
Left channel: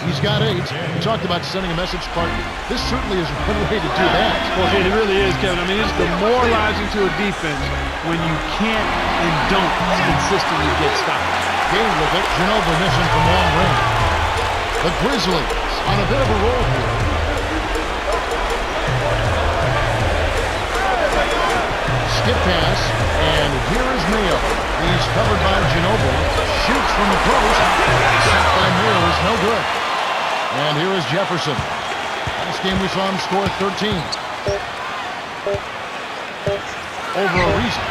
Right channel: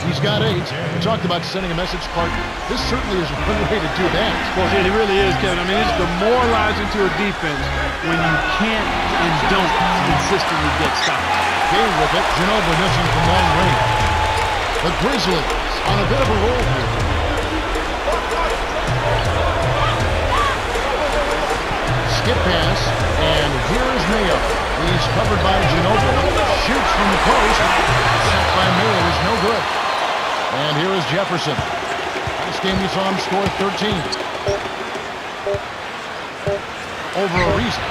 He's got 8. We talked about sending a message, Clark. This certainly is one way to do that. Well, it really is, Kevin. I mean, it's demoralizing to a defense when you can't and don't consistently get stopped. Game with it. Ginobili missing from long range. The Grizzlies on a bit of a roll here. Skip pass, and here is Mayo. He's covered by Ginobili. Shoots from the post. Shot by Mayo is no good. And here is Jefferson. Last game we saw him score 13. Over a reason.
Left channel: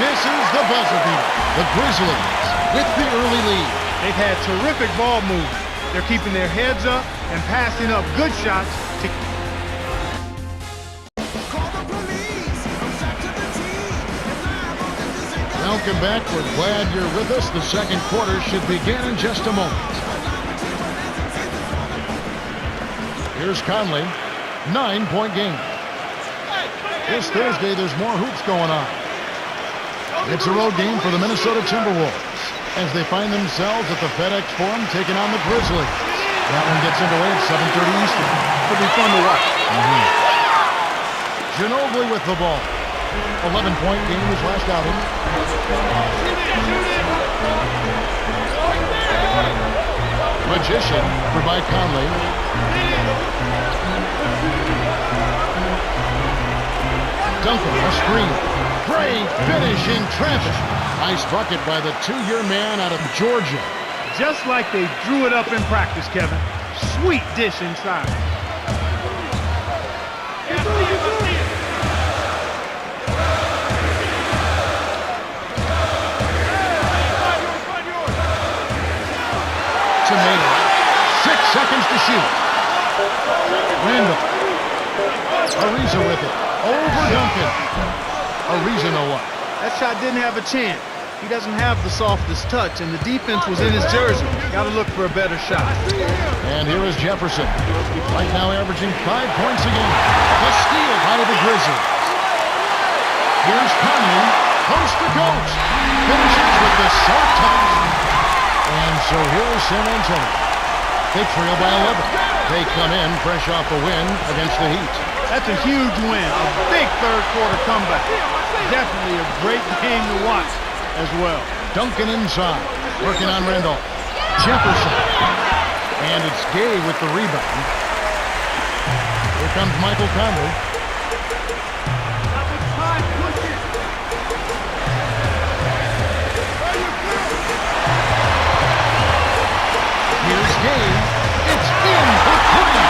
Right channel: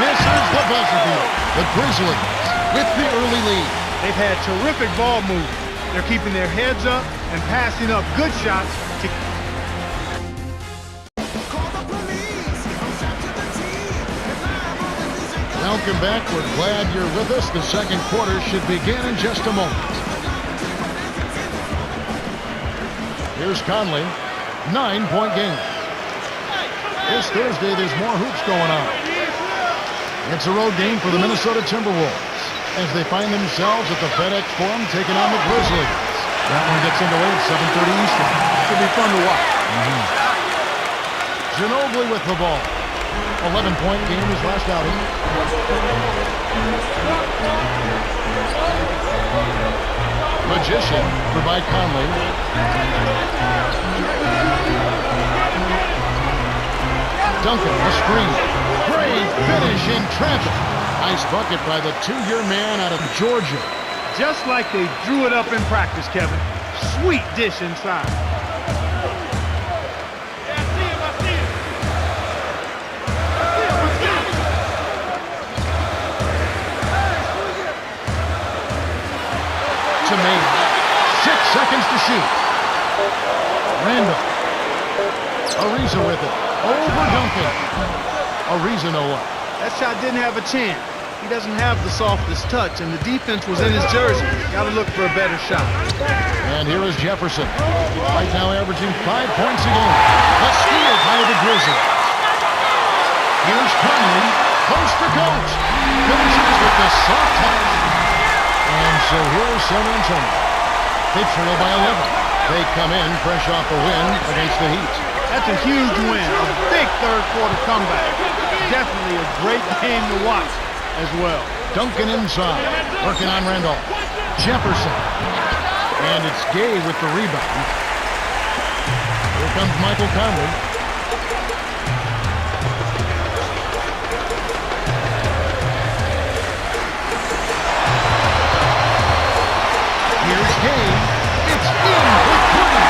Misses the buzzer beater. The Grizzlies with the early lead. They've had terrific ball movement. They're keeping their heads up and passing up good shots to Welcome back. We're glad you're with us. The second quarter should begin in just a moment. Here's Conley. 9-point game. This Thursday, there's more hoops going on. It's a road game for the Minnesota Timberwolves as they find themselves at the FedEx Forum taking on the Grizzlies. That one gets underway at 7:30 Eastern. Should be fun to watch. Ginobili with the ball. 11-point game his last outing. Magician for Mike Conley. Duncan, a screen. Great finish in traffic. Nice bucket by the two-year man out of Georgia. Just like they drew it up in practice, Kevin. Sweet dish inside. To Mayo. 6 seconds to shoot. Randall. Ariza with it. Over Duncan. Ariza no up. That shot didn't have a chance. He doesn't have the softest touch, and the defense was in his jersey. Got to look for a better shot. And here is Jefferson. Right now averaging 5 points a game. A steal by the Grizzlies. Here's Conley. Coast to coast. Finishes with the soft touch. And so here is San Antonio. They trail by 11. They come in fresh off a win against the Heat. That's a huge win. A big third-quarter comeback. Definitely a great game to watch as well. Duncan inside, working on Randolph. Jefferson. And it's Gay with the rebound. Here comes Michael Conley. Here's Gay. It's in for three.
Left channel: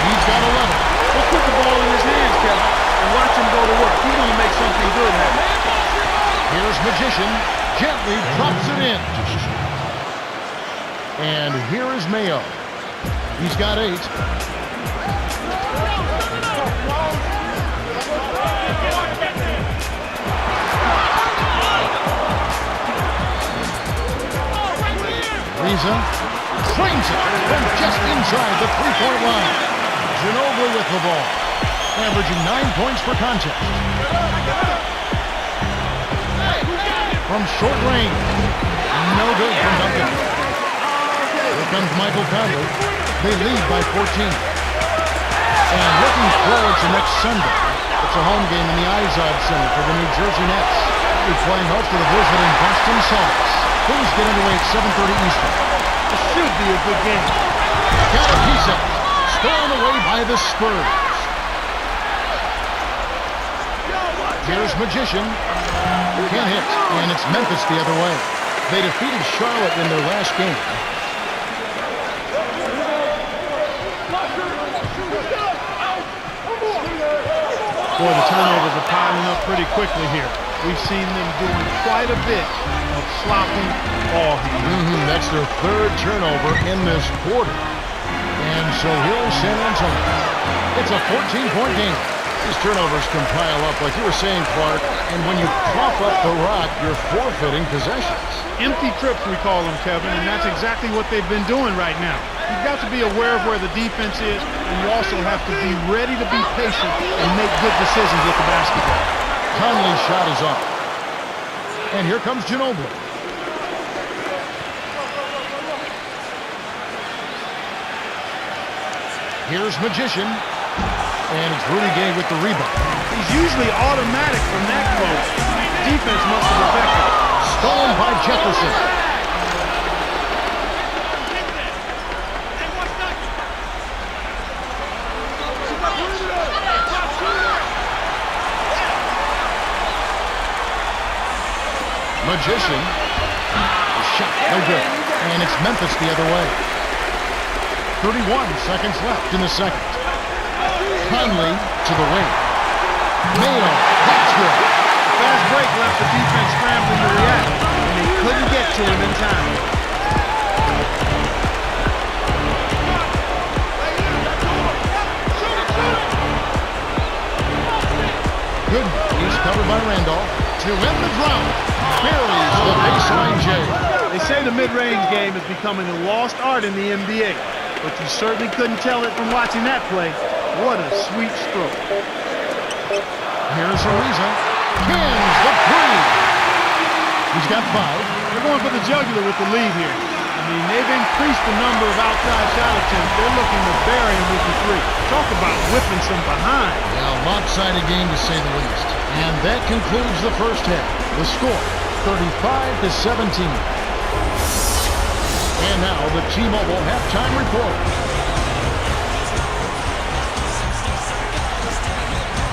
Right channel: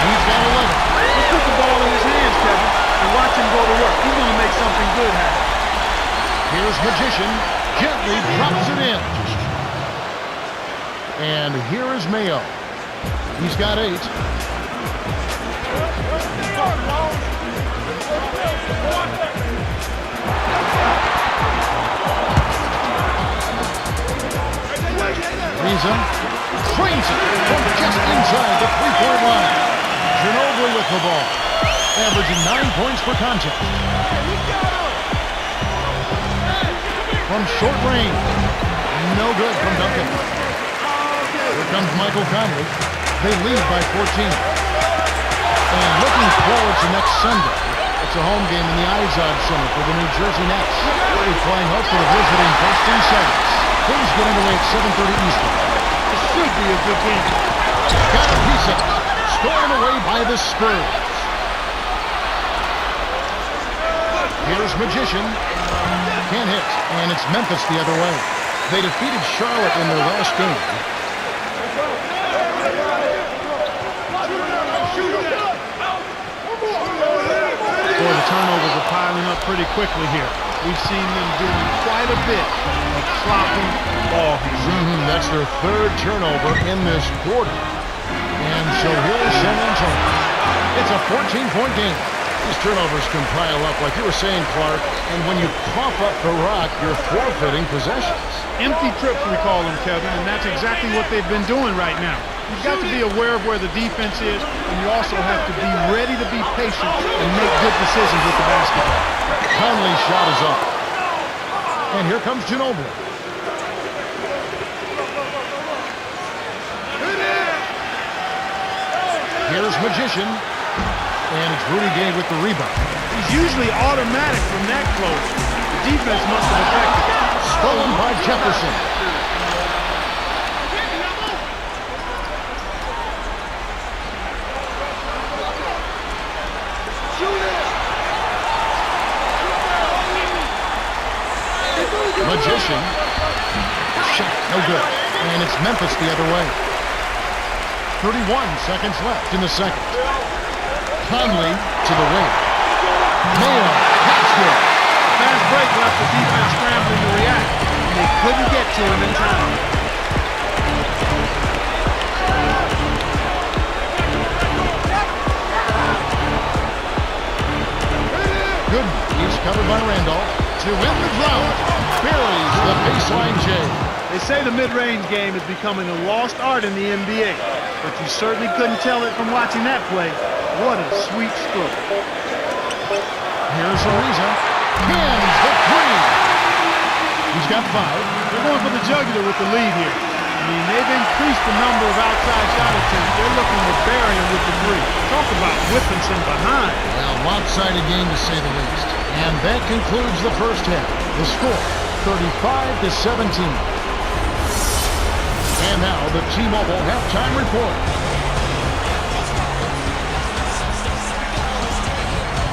He's got 11. Let's put the ball in his hands, Kevin, and watch him go to work. He's going to make something good happen. Here's Magician. Gently drops it in. And here is Mayo. He's got 8. Ariza trains it from just inside the three-point line. Ginobili with the ball, averaging 9 points per contest. From short range, no good from Duncan. Here comes Michael Conley. They lead by 14. And looking forward to next Sunday, it's a home game in the Izod Center for the New Jersey Nets. They'll be playing host to the visiting Boston Celtics. Things get underway at 7:30 Eastern. It should be a good game. Got a piece of it. Stolen away by the Spurs. Here's Magician. Can't hit. And it's Memphis the other way. They defeated Charlotte in their last game. Boy, the turnovers are piling up pretty quickly here. We've seen them doing quite a bit of sloppy ball handling. That's their third turnover in this quarter. And so here is San Antonio. It's a 14-point game. These turnovers can pile up, like you were saying, Clark, and when you cough up the rock, you're forfeiting possessions. Empty trips, we call them, Kevin, and that's exactly what they've been doing right now. You've got to be aware of where the defense is, and you also have to be ready to be patient and make good decisions with the basketball. Conley's shot is off. And here comes Ginobili. Here's Magician. And it's Rudy Gay with the rebound. He's usually automatic from that close. The defense must have affected it. Stolen by Jefferson. Magician. The shot, no good. And it's Memphis the other way. 31 seconds left in the second. Conley to the wing. Mayo, that's good. The fast break left the defense scrambling to react, and they couldn't get to him in time. Good. He's covered by Randolph. To win the drought, buries the baseline J. They say the mid-range game is becoming a lost art in the NBA, but you certainly couldn't tell it from watching that play. What a sweet stroke. Here's Ariza. Pins the three. He's got 5. They're going for the jugular with the lead here. I mean, they've increased the number of outside shot attempts. They're looking to bury him with the 3. Talk about whipping some behind. Yeah, lopsided game to say the least. And that concludes the first half. The score, 35-17. And now the T-Mobile halftime report.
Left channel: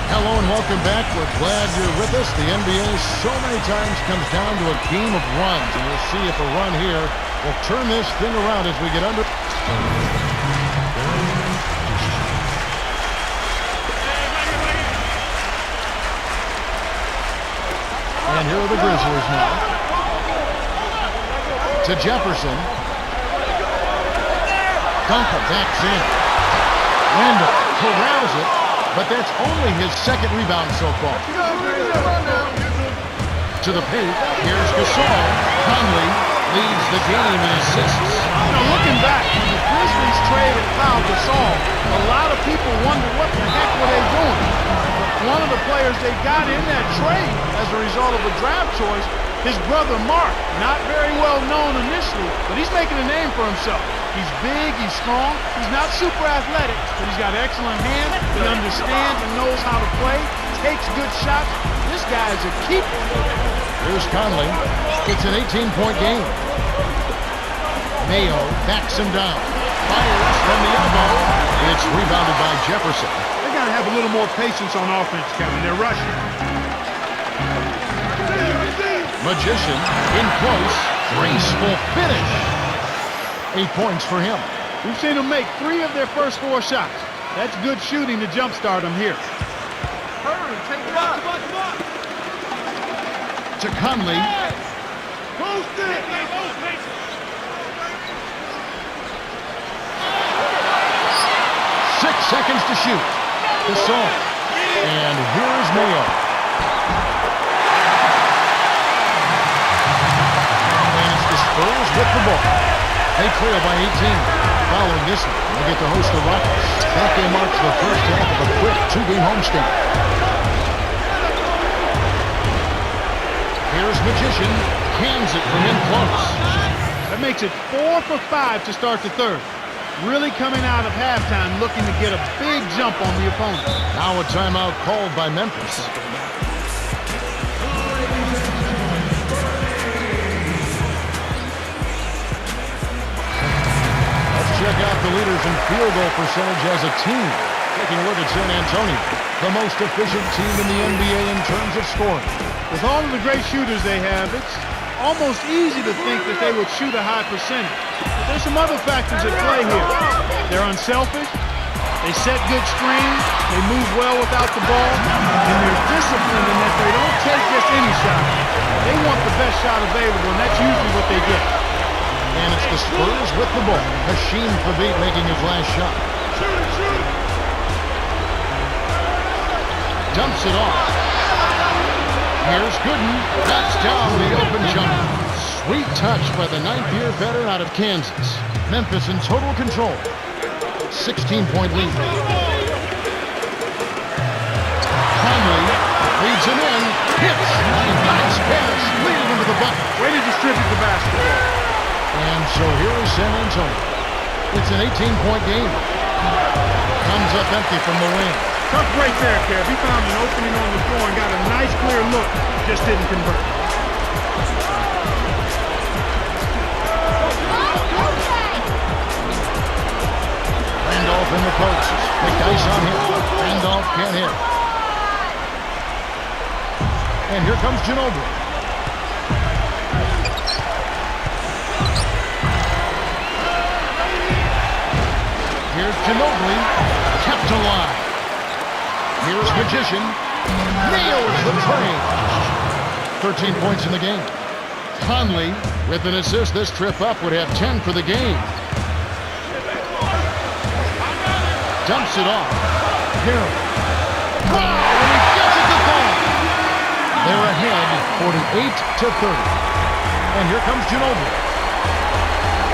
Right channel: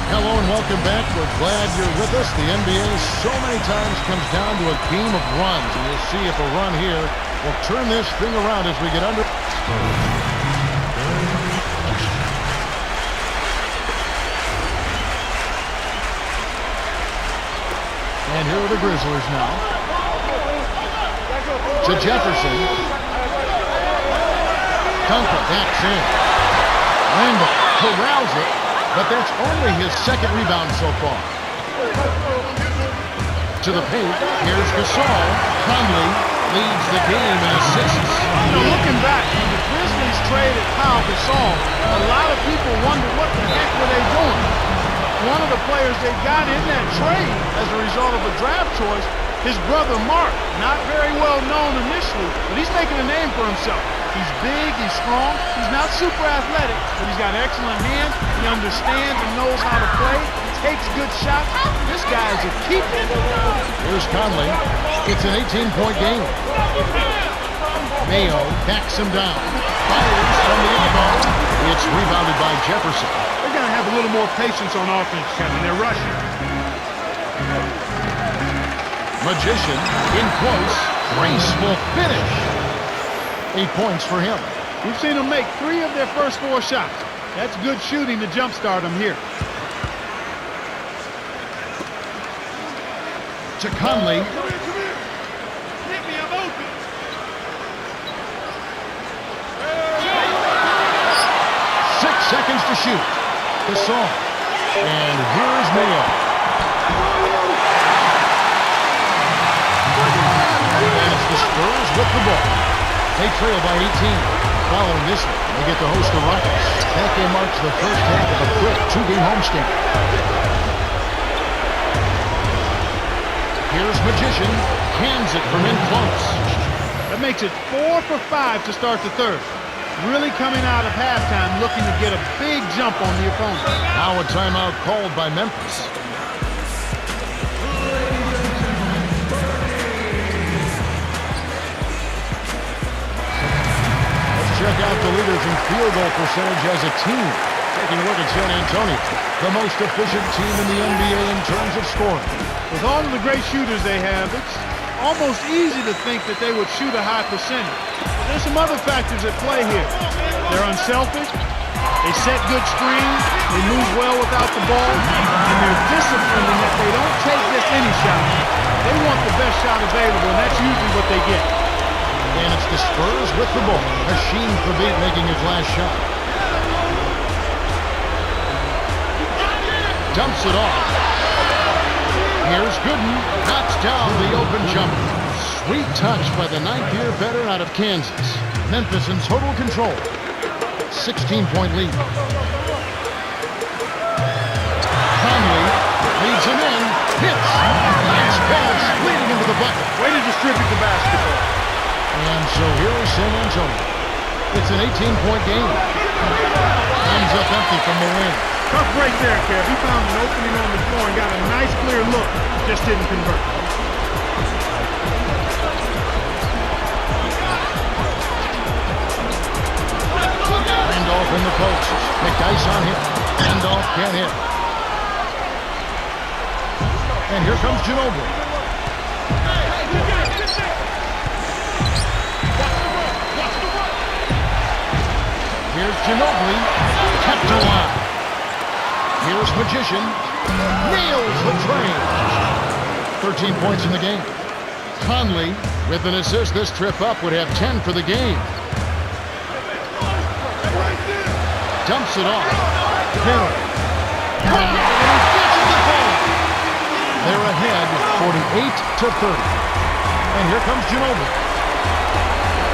Hello and welcome back. We're glad you're with us. The NBA so many times comes down to a game of runs, and we'll see if a run here will turn this thing around as we get under. And here are the Grizzlies now. To Jefferson. Duncan backs in. Randall corrals it. But that's only his second rebound so far. To the paint, here's Gasol. Conley leads the game in assists. You know, looking back, when the Grizzlies traded Pau Gasol, a lot of people wondered what the heck were they doing. But one of the players they got in that trade as a result of a draft choice, his brother Mark, not very well known initially, but he's making a name for himself. He's big, he's strong, he's not super athletic, but he's got excellent hands, he understands and knows how to play, takes good shots. This guy is a keeper. Here's Conley. It's an 18-point game. Mayo backs him down. Fires from the elbow. It's rebounded by Jefferson. They're going to have a little more patience on offense, Kevin. They're rushing. Magician in close. Graceful finish. 8 points for him. We've seen them make 3 of their first 4 shots. That's good shooting to jumpstart them here. To Conley. 6 seconds to shoot. Gasol. And here's Mayo. And it's the Spurs with the ball. They trail by 18. Following this one, they get to host the Rockets. That game marks the first half of a quick 2-game homestand. Here's Magician. Cans it from in close. That makes it 4 for 5 to start the third. Really coming out of halftime looking to get a big jump on the opponent. Now a timeout called by Memphis. Check out the leaders in field goal percentage as a team. Taking a look at San Antonio, the most efficient team in the NBA in terms of scoring. With all of the great shooters they have, it's almost easy to think that they would shoot a high percentage. But there's some other factors at play here. They're unselfish, they set good screens, they move well without the ball, and they're disciplined in that they don't take just any shot. They want the best shot available, and that's usually what they get. And it's the Spurs with the ball. Hashim Thabit making his last shot. Dumps it off. Here's Gooden. Knocks down the open jumper. Sweet touch by the 9th-year veteran out of Kansas. Memphis in total control. 16-point lead. Conley leads him in. Hits. Nice pass. Leading into the bucket. Way to distribute the basketball. And so here is San Antonio. It's an 18-point game. Comes up empty from the wing. Tough break there, Kev. He found an opening on the floor and got a nice clear look. Just didn't convert. Randolph in the post. McDyess on him. Randolph can't hit. And here comes Ginobili. Here's Ginobili, kept alive. Here's Magician, nails the train. 13 points in the game. Conley, with an assist this trip up, would have 10 for the game. Dumps it off. Harrell. Wow, and he gets it to fall. They're ahead, 48-30. And here comes Ginobili.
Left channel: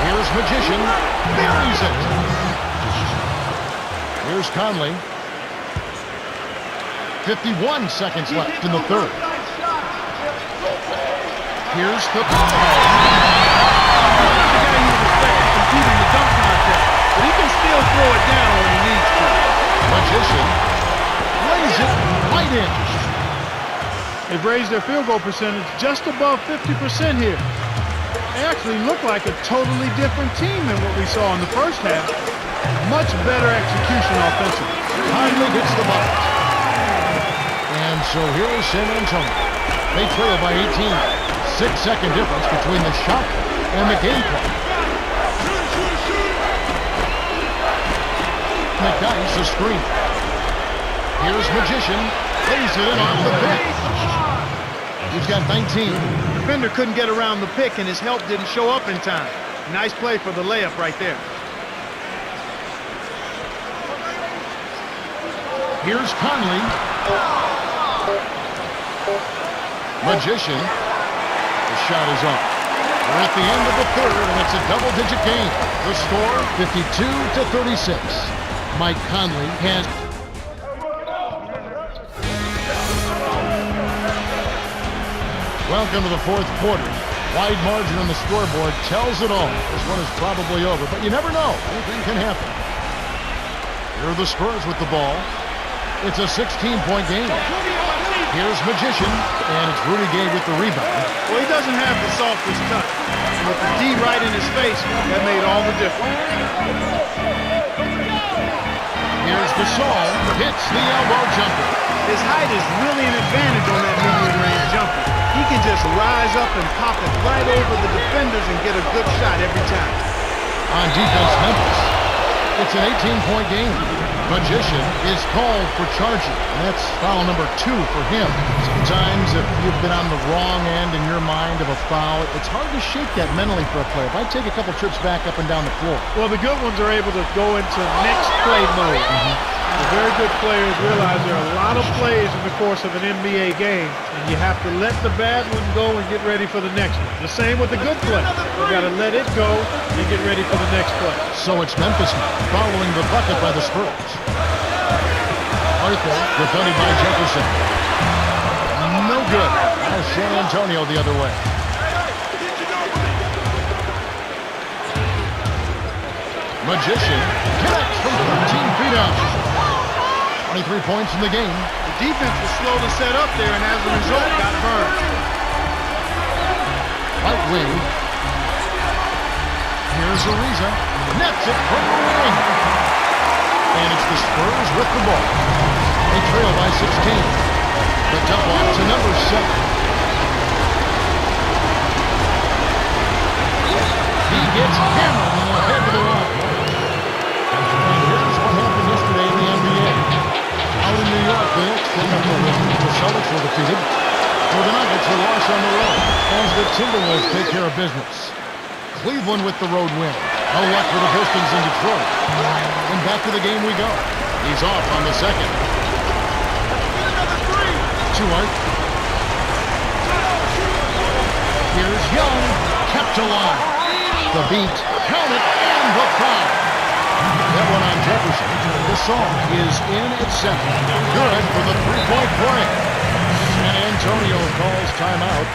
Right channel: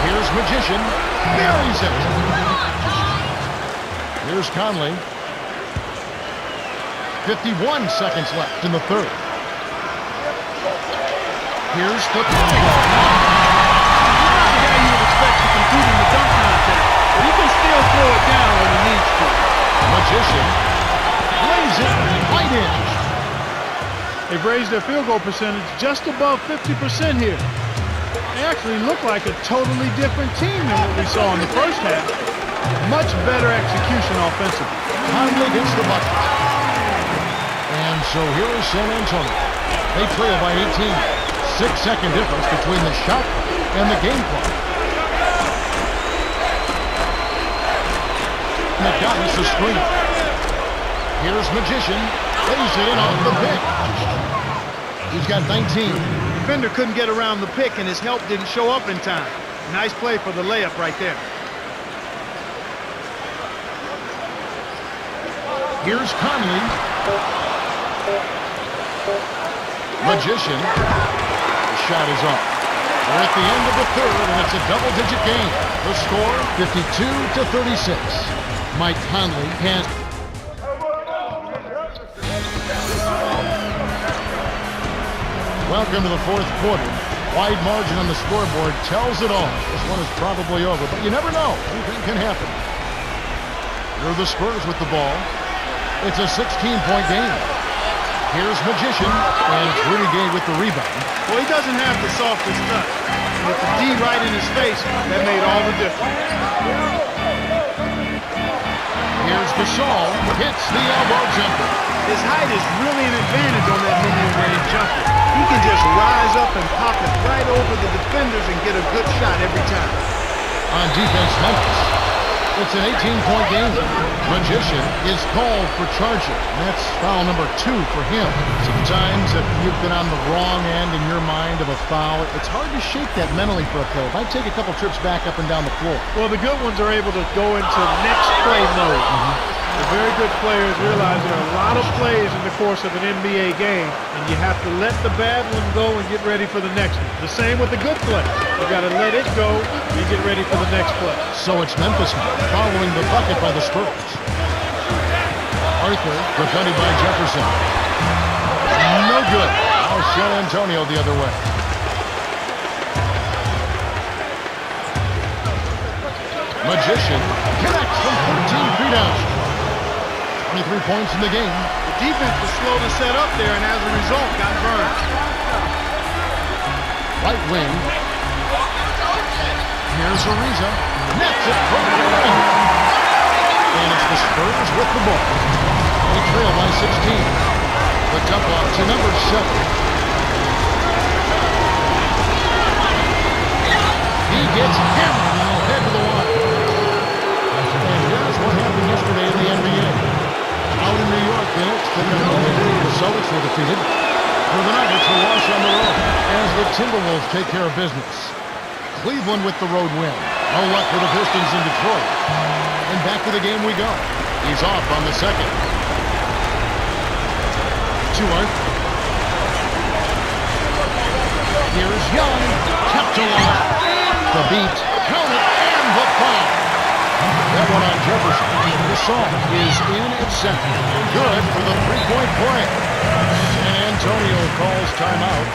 Here's Magician, buries it. Here's Conley. 51 seconds left in the third. Here's the... He's not the guy you would expect to compete in the dunk contest, but he can still throw it down when he needs to. Magician lays it right in. They've raised their field goal percentage just above 50% here. They actually look like a totally different team than what we saw in the first half. Much better execution offensively. Conley gets the bucket. And so here is San Antonio. They trail by 18. 6-second difference between the shot clock and the game clock. McDyess the screen. Here's Magician. Lays it in off the pick. He's got 19. The defender couldn't get around the pick, and his help didn't show up in time. Nice play for the layup right there. Here's Conley. Magician. The shot is off. We're at the end of the third, and it's a double-digit game. The score, 52-36. Mike Conley has... Welcome to the fourth quarter. Wide margin on the scoreboard tells it all. This one is probably over, but you never know. Anything can happen. Here are the Spurs with the ball. It's a 16-point game. Here's Magician, and it's Rudy Gay with the rebound. Well, he doesn't have the softest touch. And with the D right in his face, that made all the difference. Here's Gasol, hits the elbow jumper. His height is really an advantage on that medium-range jumper. He can just rise up and pop it right over the defenders and get a good shot every time. On defense, Memphis. It's an 18-point game. Magician is called for charging, and that's foul number 2 for him. Sometimes if you've been on the wrong end in your mind of a foul, it's hard to shake that mentally for a player. It might take a couple trips back up and down the floor. Well, the good ones are able to go into next play mode. The very good players realize there are a lot of plays in the course of an NBA game, and you have to let the bad one go and get ready for the next one. The same with the good play. You got to let it go and get ready for the next play. So it's Memphis now, following the bucket by the Spurs. Arthur, defended by Jefferson. No good. Now San Antonio the other way. Magician connects from 13 feet out. 23 points in the game. The defense was slow to set up there, and as a result, got burned. Right wing. Here's Ariza. Nets it from the wing. And it's the Spurs with the ball. They trail by 16. The dump off to number 7. He gets hammered and will head to the line. And here's what happened yesterday in the NBA. Out in New York, the Knicks pick up the win. The Celtics were defeated. For the Nuggets, a loss on the road as the Timberwolves take care of business. Cleveland with the road win. No luck for the Pistons in Detroit. And back to the game we go. He's off on the second. To Arthur. Here's Young. Kept alive. The beat. Count it and the foul. That one on Jefferson. Gasol is in at 7. Good for the three-point play. San Antonio calls timeout.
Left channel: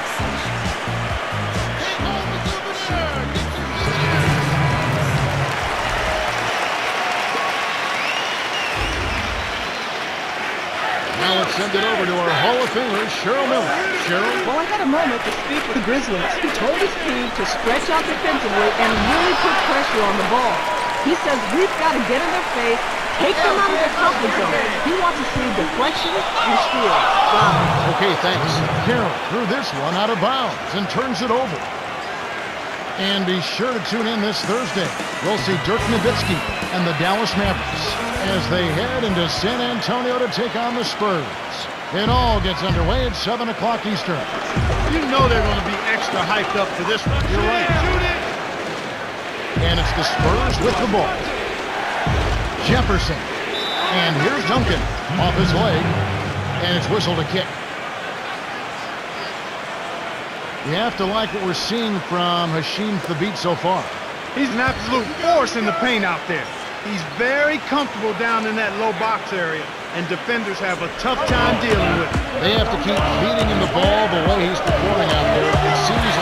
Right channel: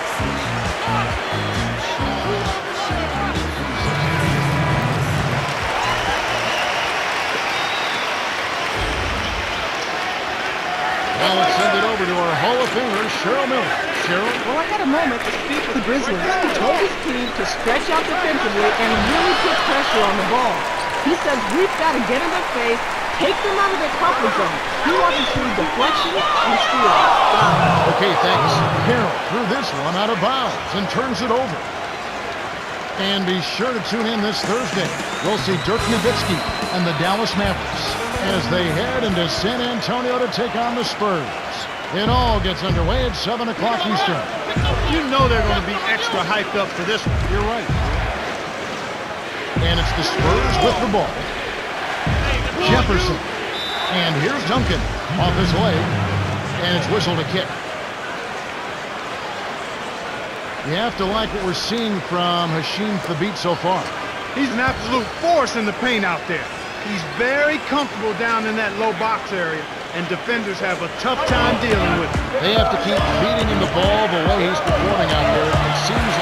Now let's send it over to our Hall of Famer, Cheryl Miller. Cheryl? Well, I had a moment to speak with the Grizzlies. He told his team to stretch out defensively and really put pressure on the ball. He says we've got to get in their face, take them out of their comfort zone. He wants to see deflection and steals. Wow. Okay, thanks. Carroll threw this one out of bounds and turns it over. And be sure to tune in this Thursday. We'll see Dirk Nowitzki and the Dallas Mavericks as they head into San Antonio to take on the Spurs. It all gets underway at 7 o'clock Eastern. You know they're going to be extra hyped up for this one. You're right. And it's the Spurs with the ball. Jefferson. And here's Duncan off his leg. And it's whistled a kick. You have to like what we're seeing from Hasheem Thabeet so far. He's an absolute force in the paint out there. He's very comfortable down in that low box area, and defenders have a tough time dealing with him. They have to keep feeding him the ball the way he's performing out there. It seems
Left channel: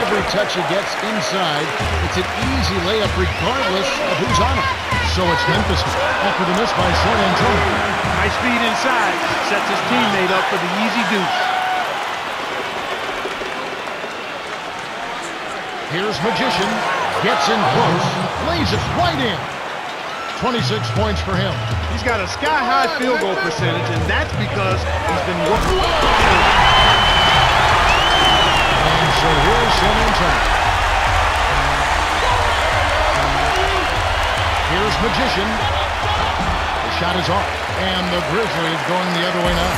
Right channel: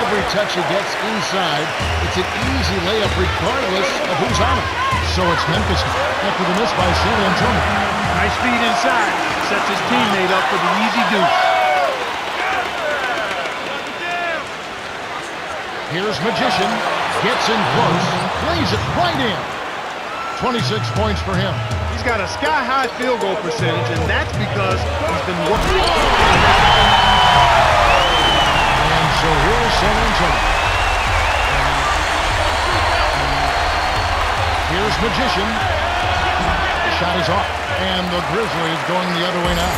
Every touch he gets inside, it's an easy layup regardless of who's on it. So it's Memphis after the miss by San Antonio. Nice feed inside. Sets his teammate up for the easy deuce. Here's Magician. Gets in close. Lays it right in. 26 points for him. He's got a sky-high field goal percentage, and that's because he's been working. And so here's San Antonio. Here's Magician. The shot is off. And the Grizzlies going the other way now.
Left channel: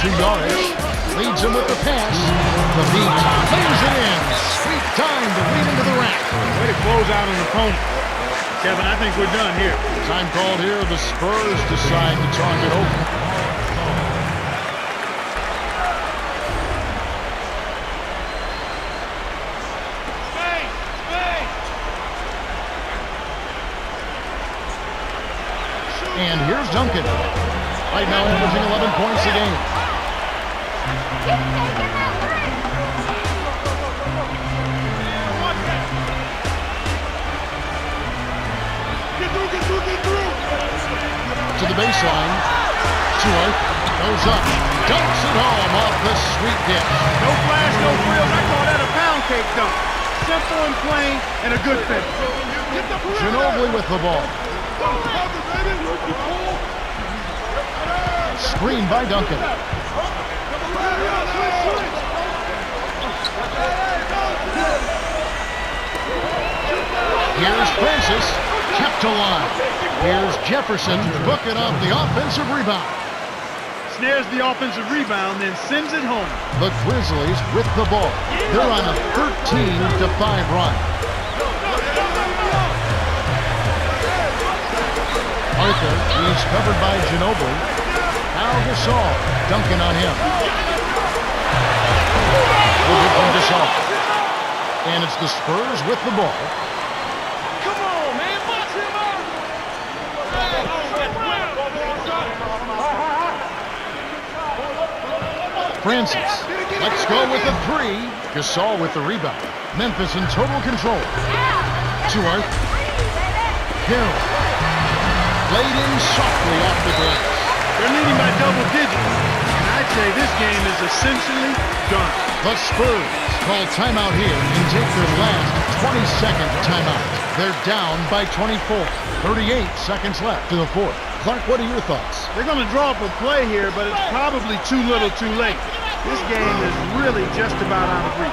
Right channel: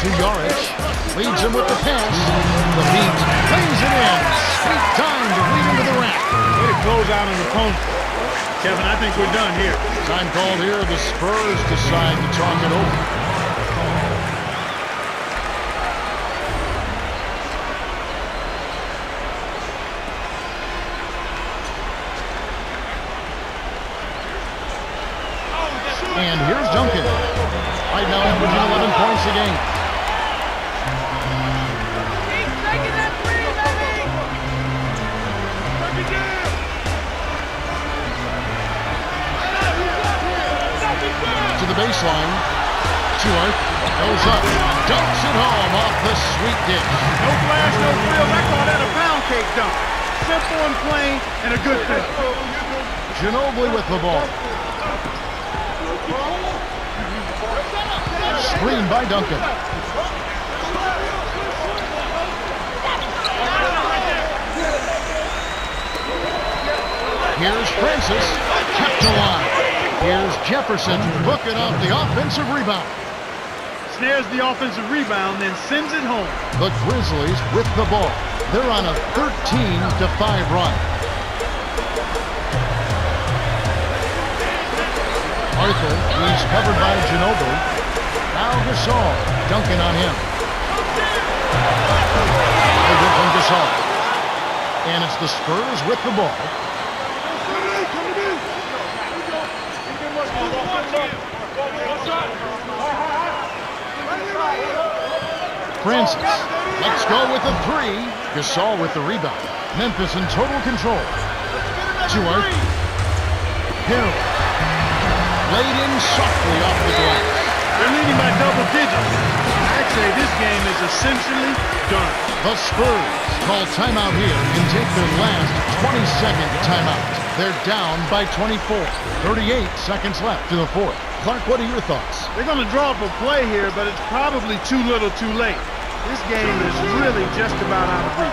To Yarich. Leads him with the pass. The beat. Lays it in. Sweet time to lead him to the rack. Way to close out an opponent. Kevin, I think we're done here. Time called here. The Spurs decide to talk it over. And here's Duncan. Right now averaging 11 points a game. To the baseline. Stewart goes up. Dunks it home off the sweet dish. No flash, no frills. I call that a pound cake dunk. Simple and plain and a good fit. Ginobili with the ball. Screen by Duncan. Here's Francis, kept alive. Here's Jefferson, booking off the offensive rebound. Snares the offensive rebound, then sends it home. The Grizzlies with the ball. They're on a 13-5 run. Arthur, he's covered by Ginobili. Now Gasol, Duncan on him. No good from Gasol. And it's the Spurs with the ball. Francis, let's go with a three. Gasol with the rebound. Memphis in total control. To Arthur. Carroll. Laid in softly off the glass. They're leading by double digits. And I'd say this game is essentially done. The Spurs call timeout here and take their last 20-second timeout. They're down by 24. 38 seconds left to the fourth. Clark, what are your thoughts? They're going to draw up a play here, but it's probably too little too late. This game is really just about out of reach.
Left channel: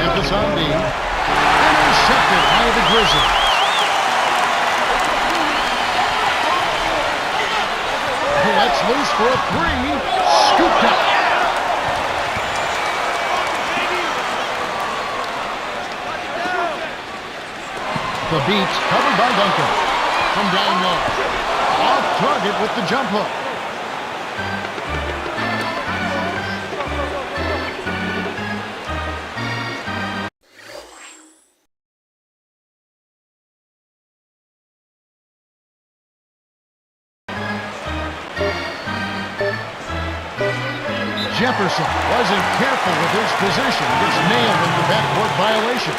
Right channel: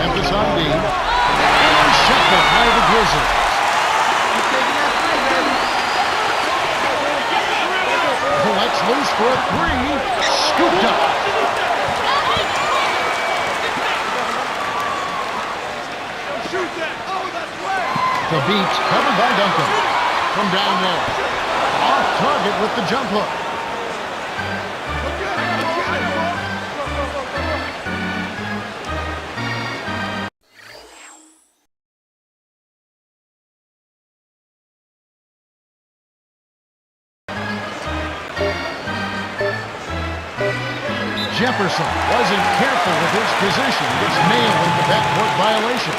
Memphis on D. Intercepted by the Grizzlies. Let's loose for a three. Scooped up. The beat covered by Duncan. From down low. Off target with the jump hook. Jefferson wasn't careful with his position. Gets nailed with the backcourt violation.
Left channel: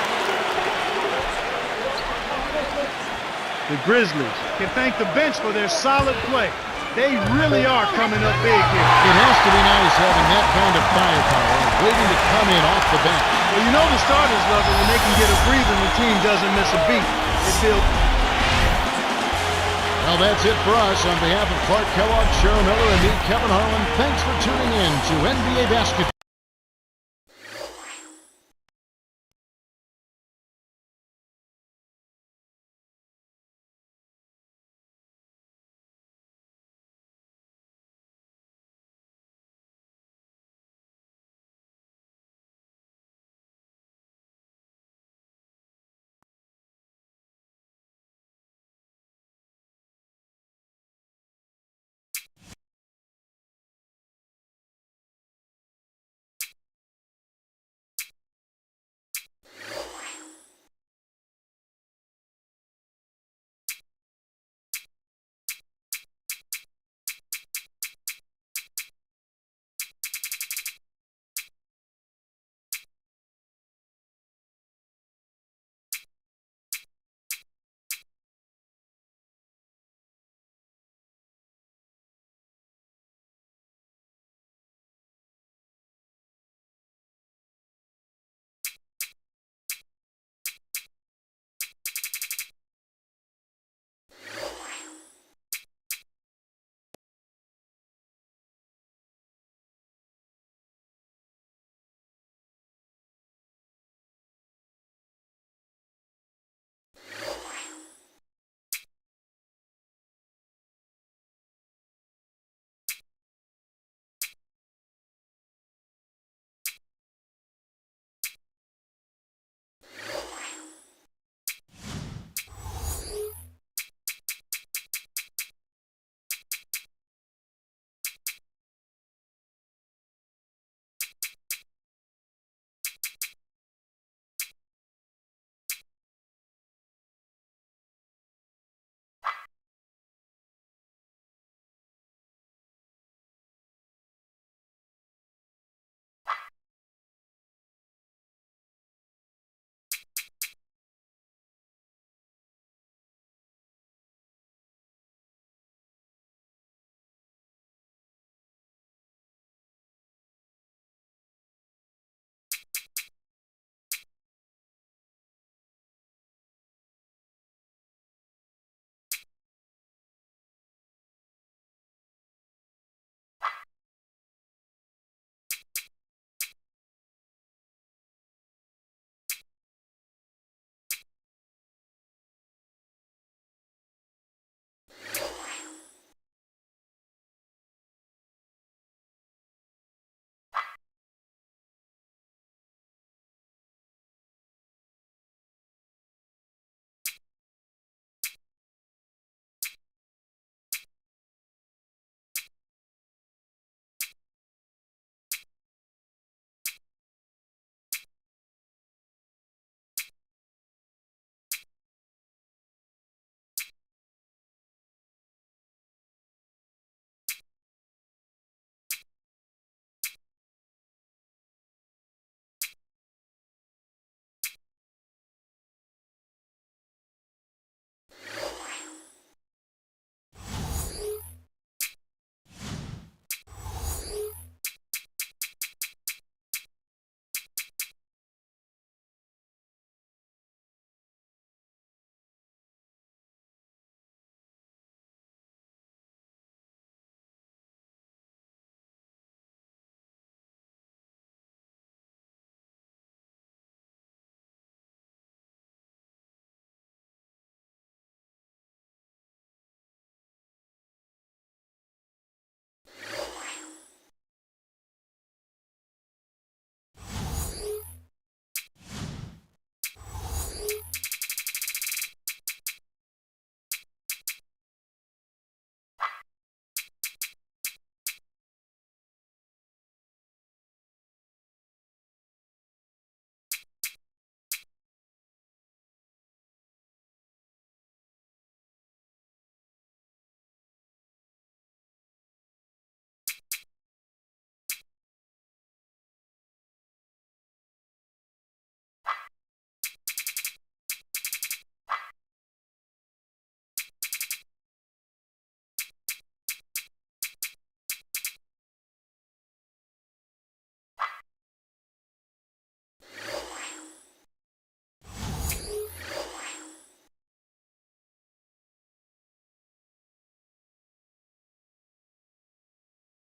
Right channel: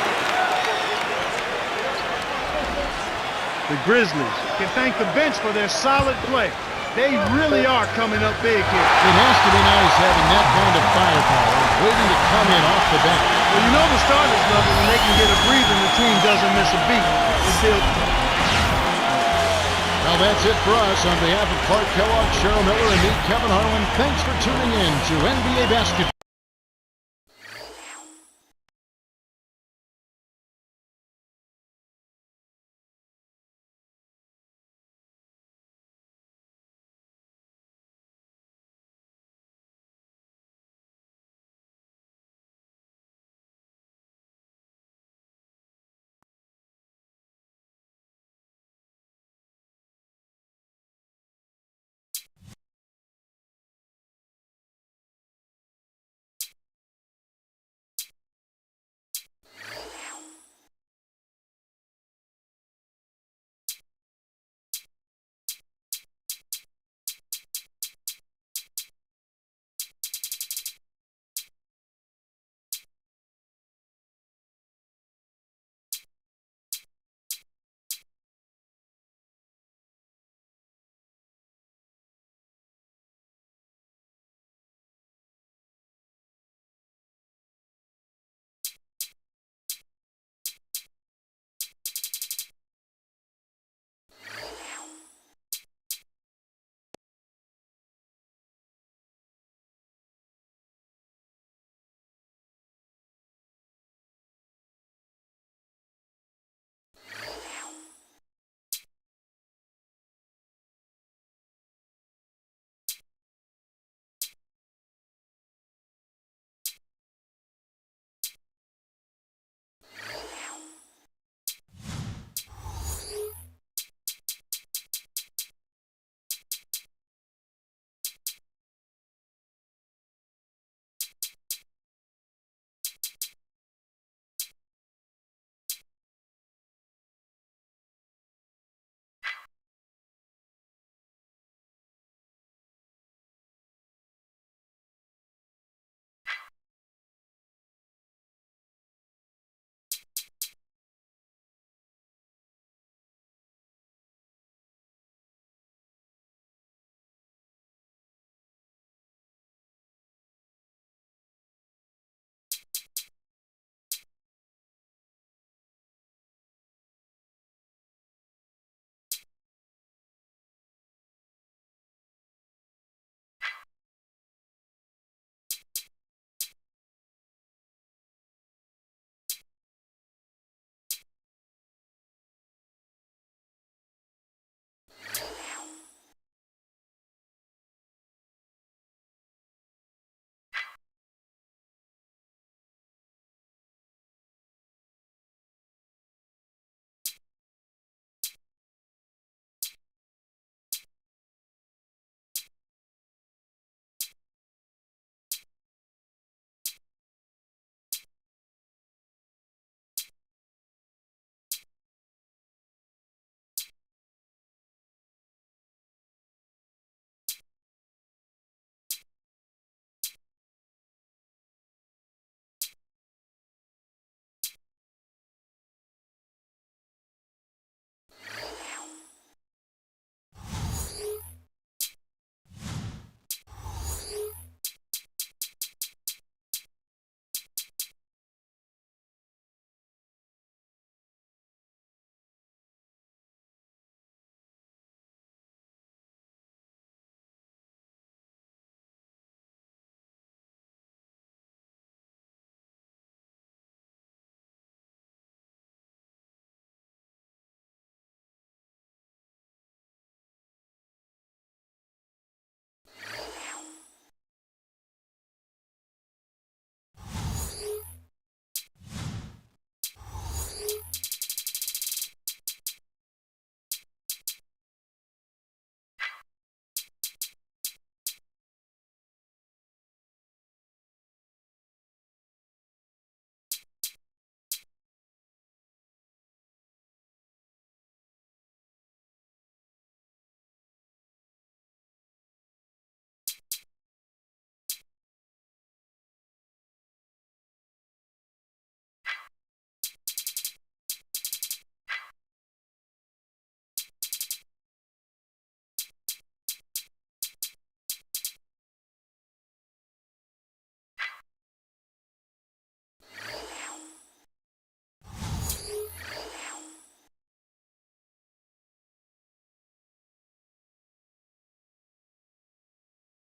The Grizzlies can thank the bench for their solid play. They really are coming up big here. It has to be nice having that kind of firepower waiting to come in off the bench. Well, you know the starters love it when they can get a breather and the team doesn't miss a beat. It builds. Well, that's it for us. On behalf of Clark Kellogg, Cheryl Miller, and me, Kevin Harlan, thanks for tuning in to NBA Basketball.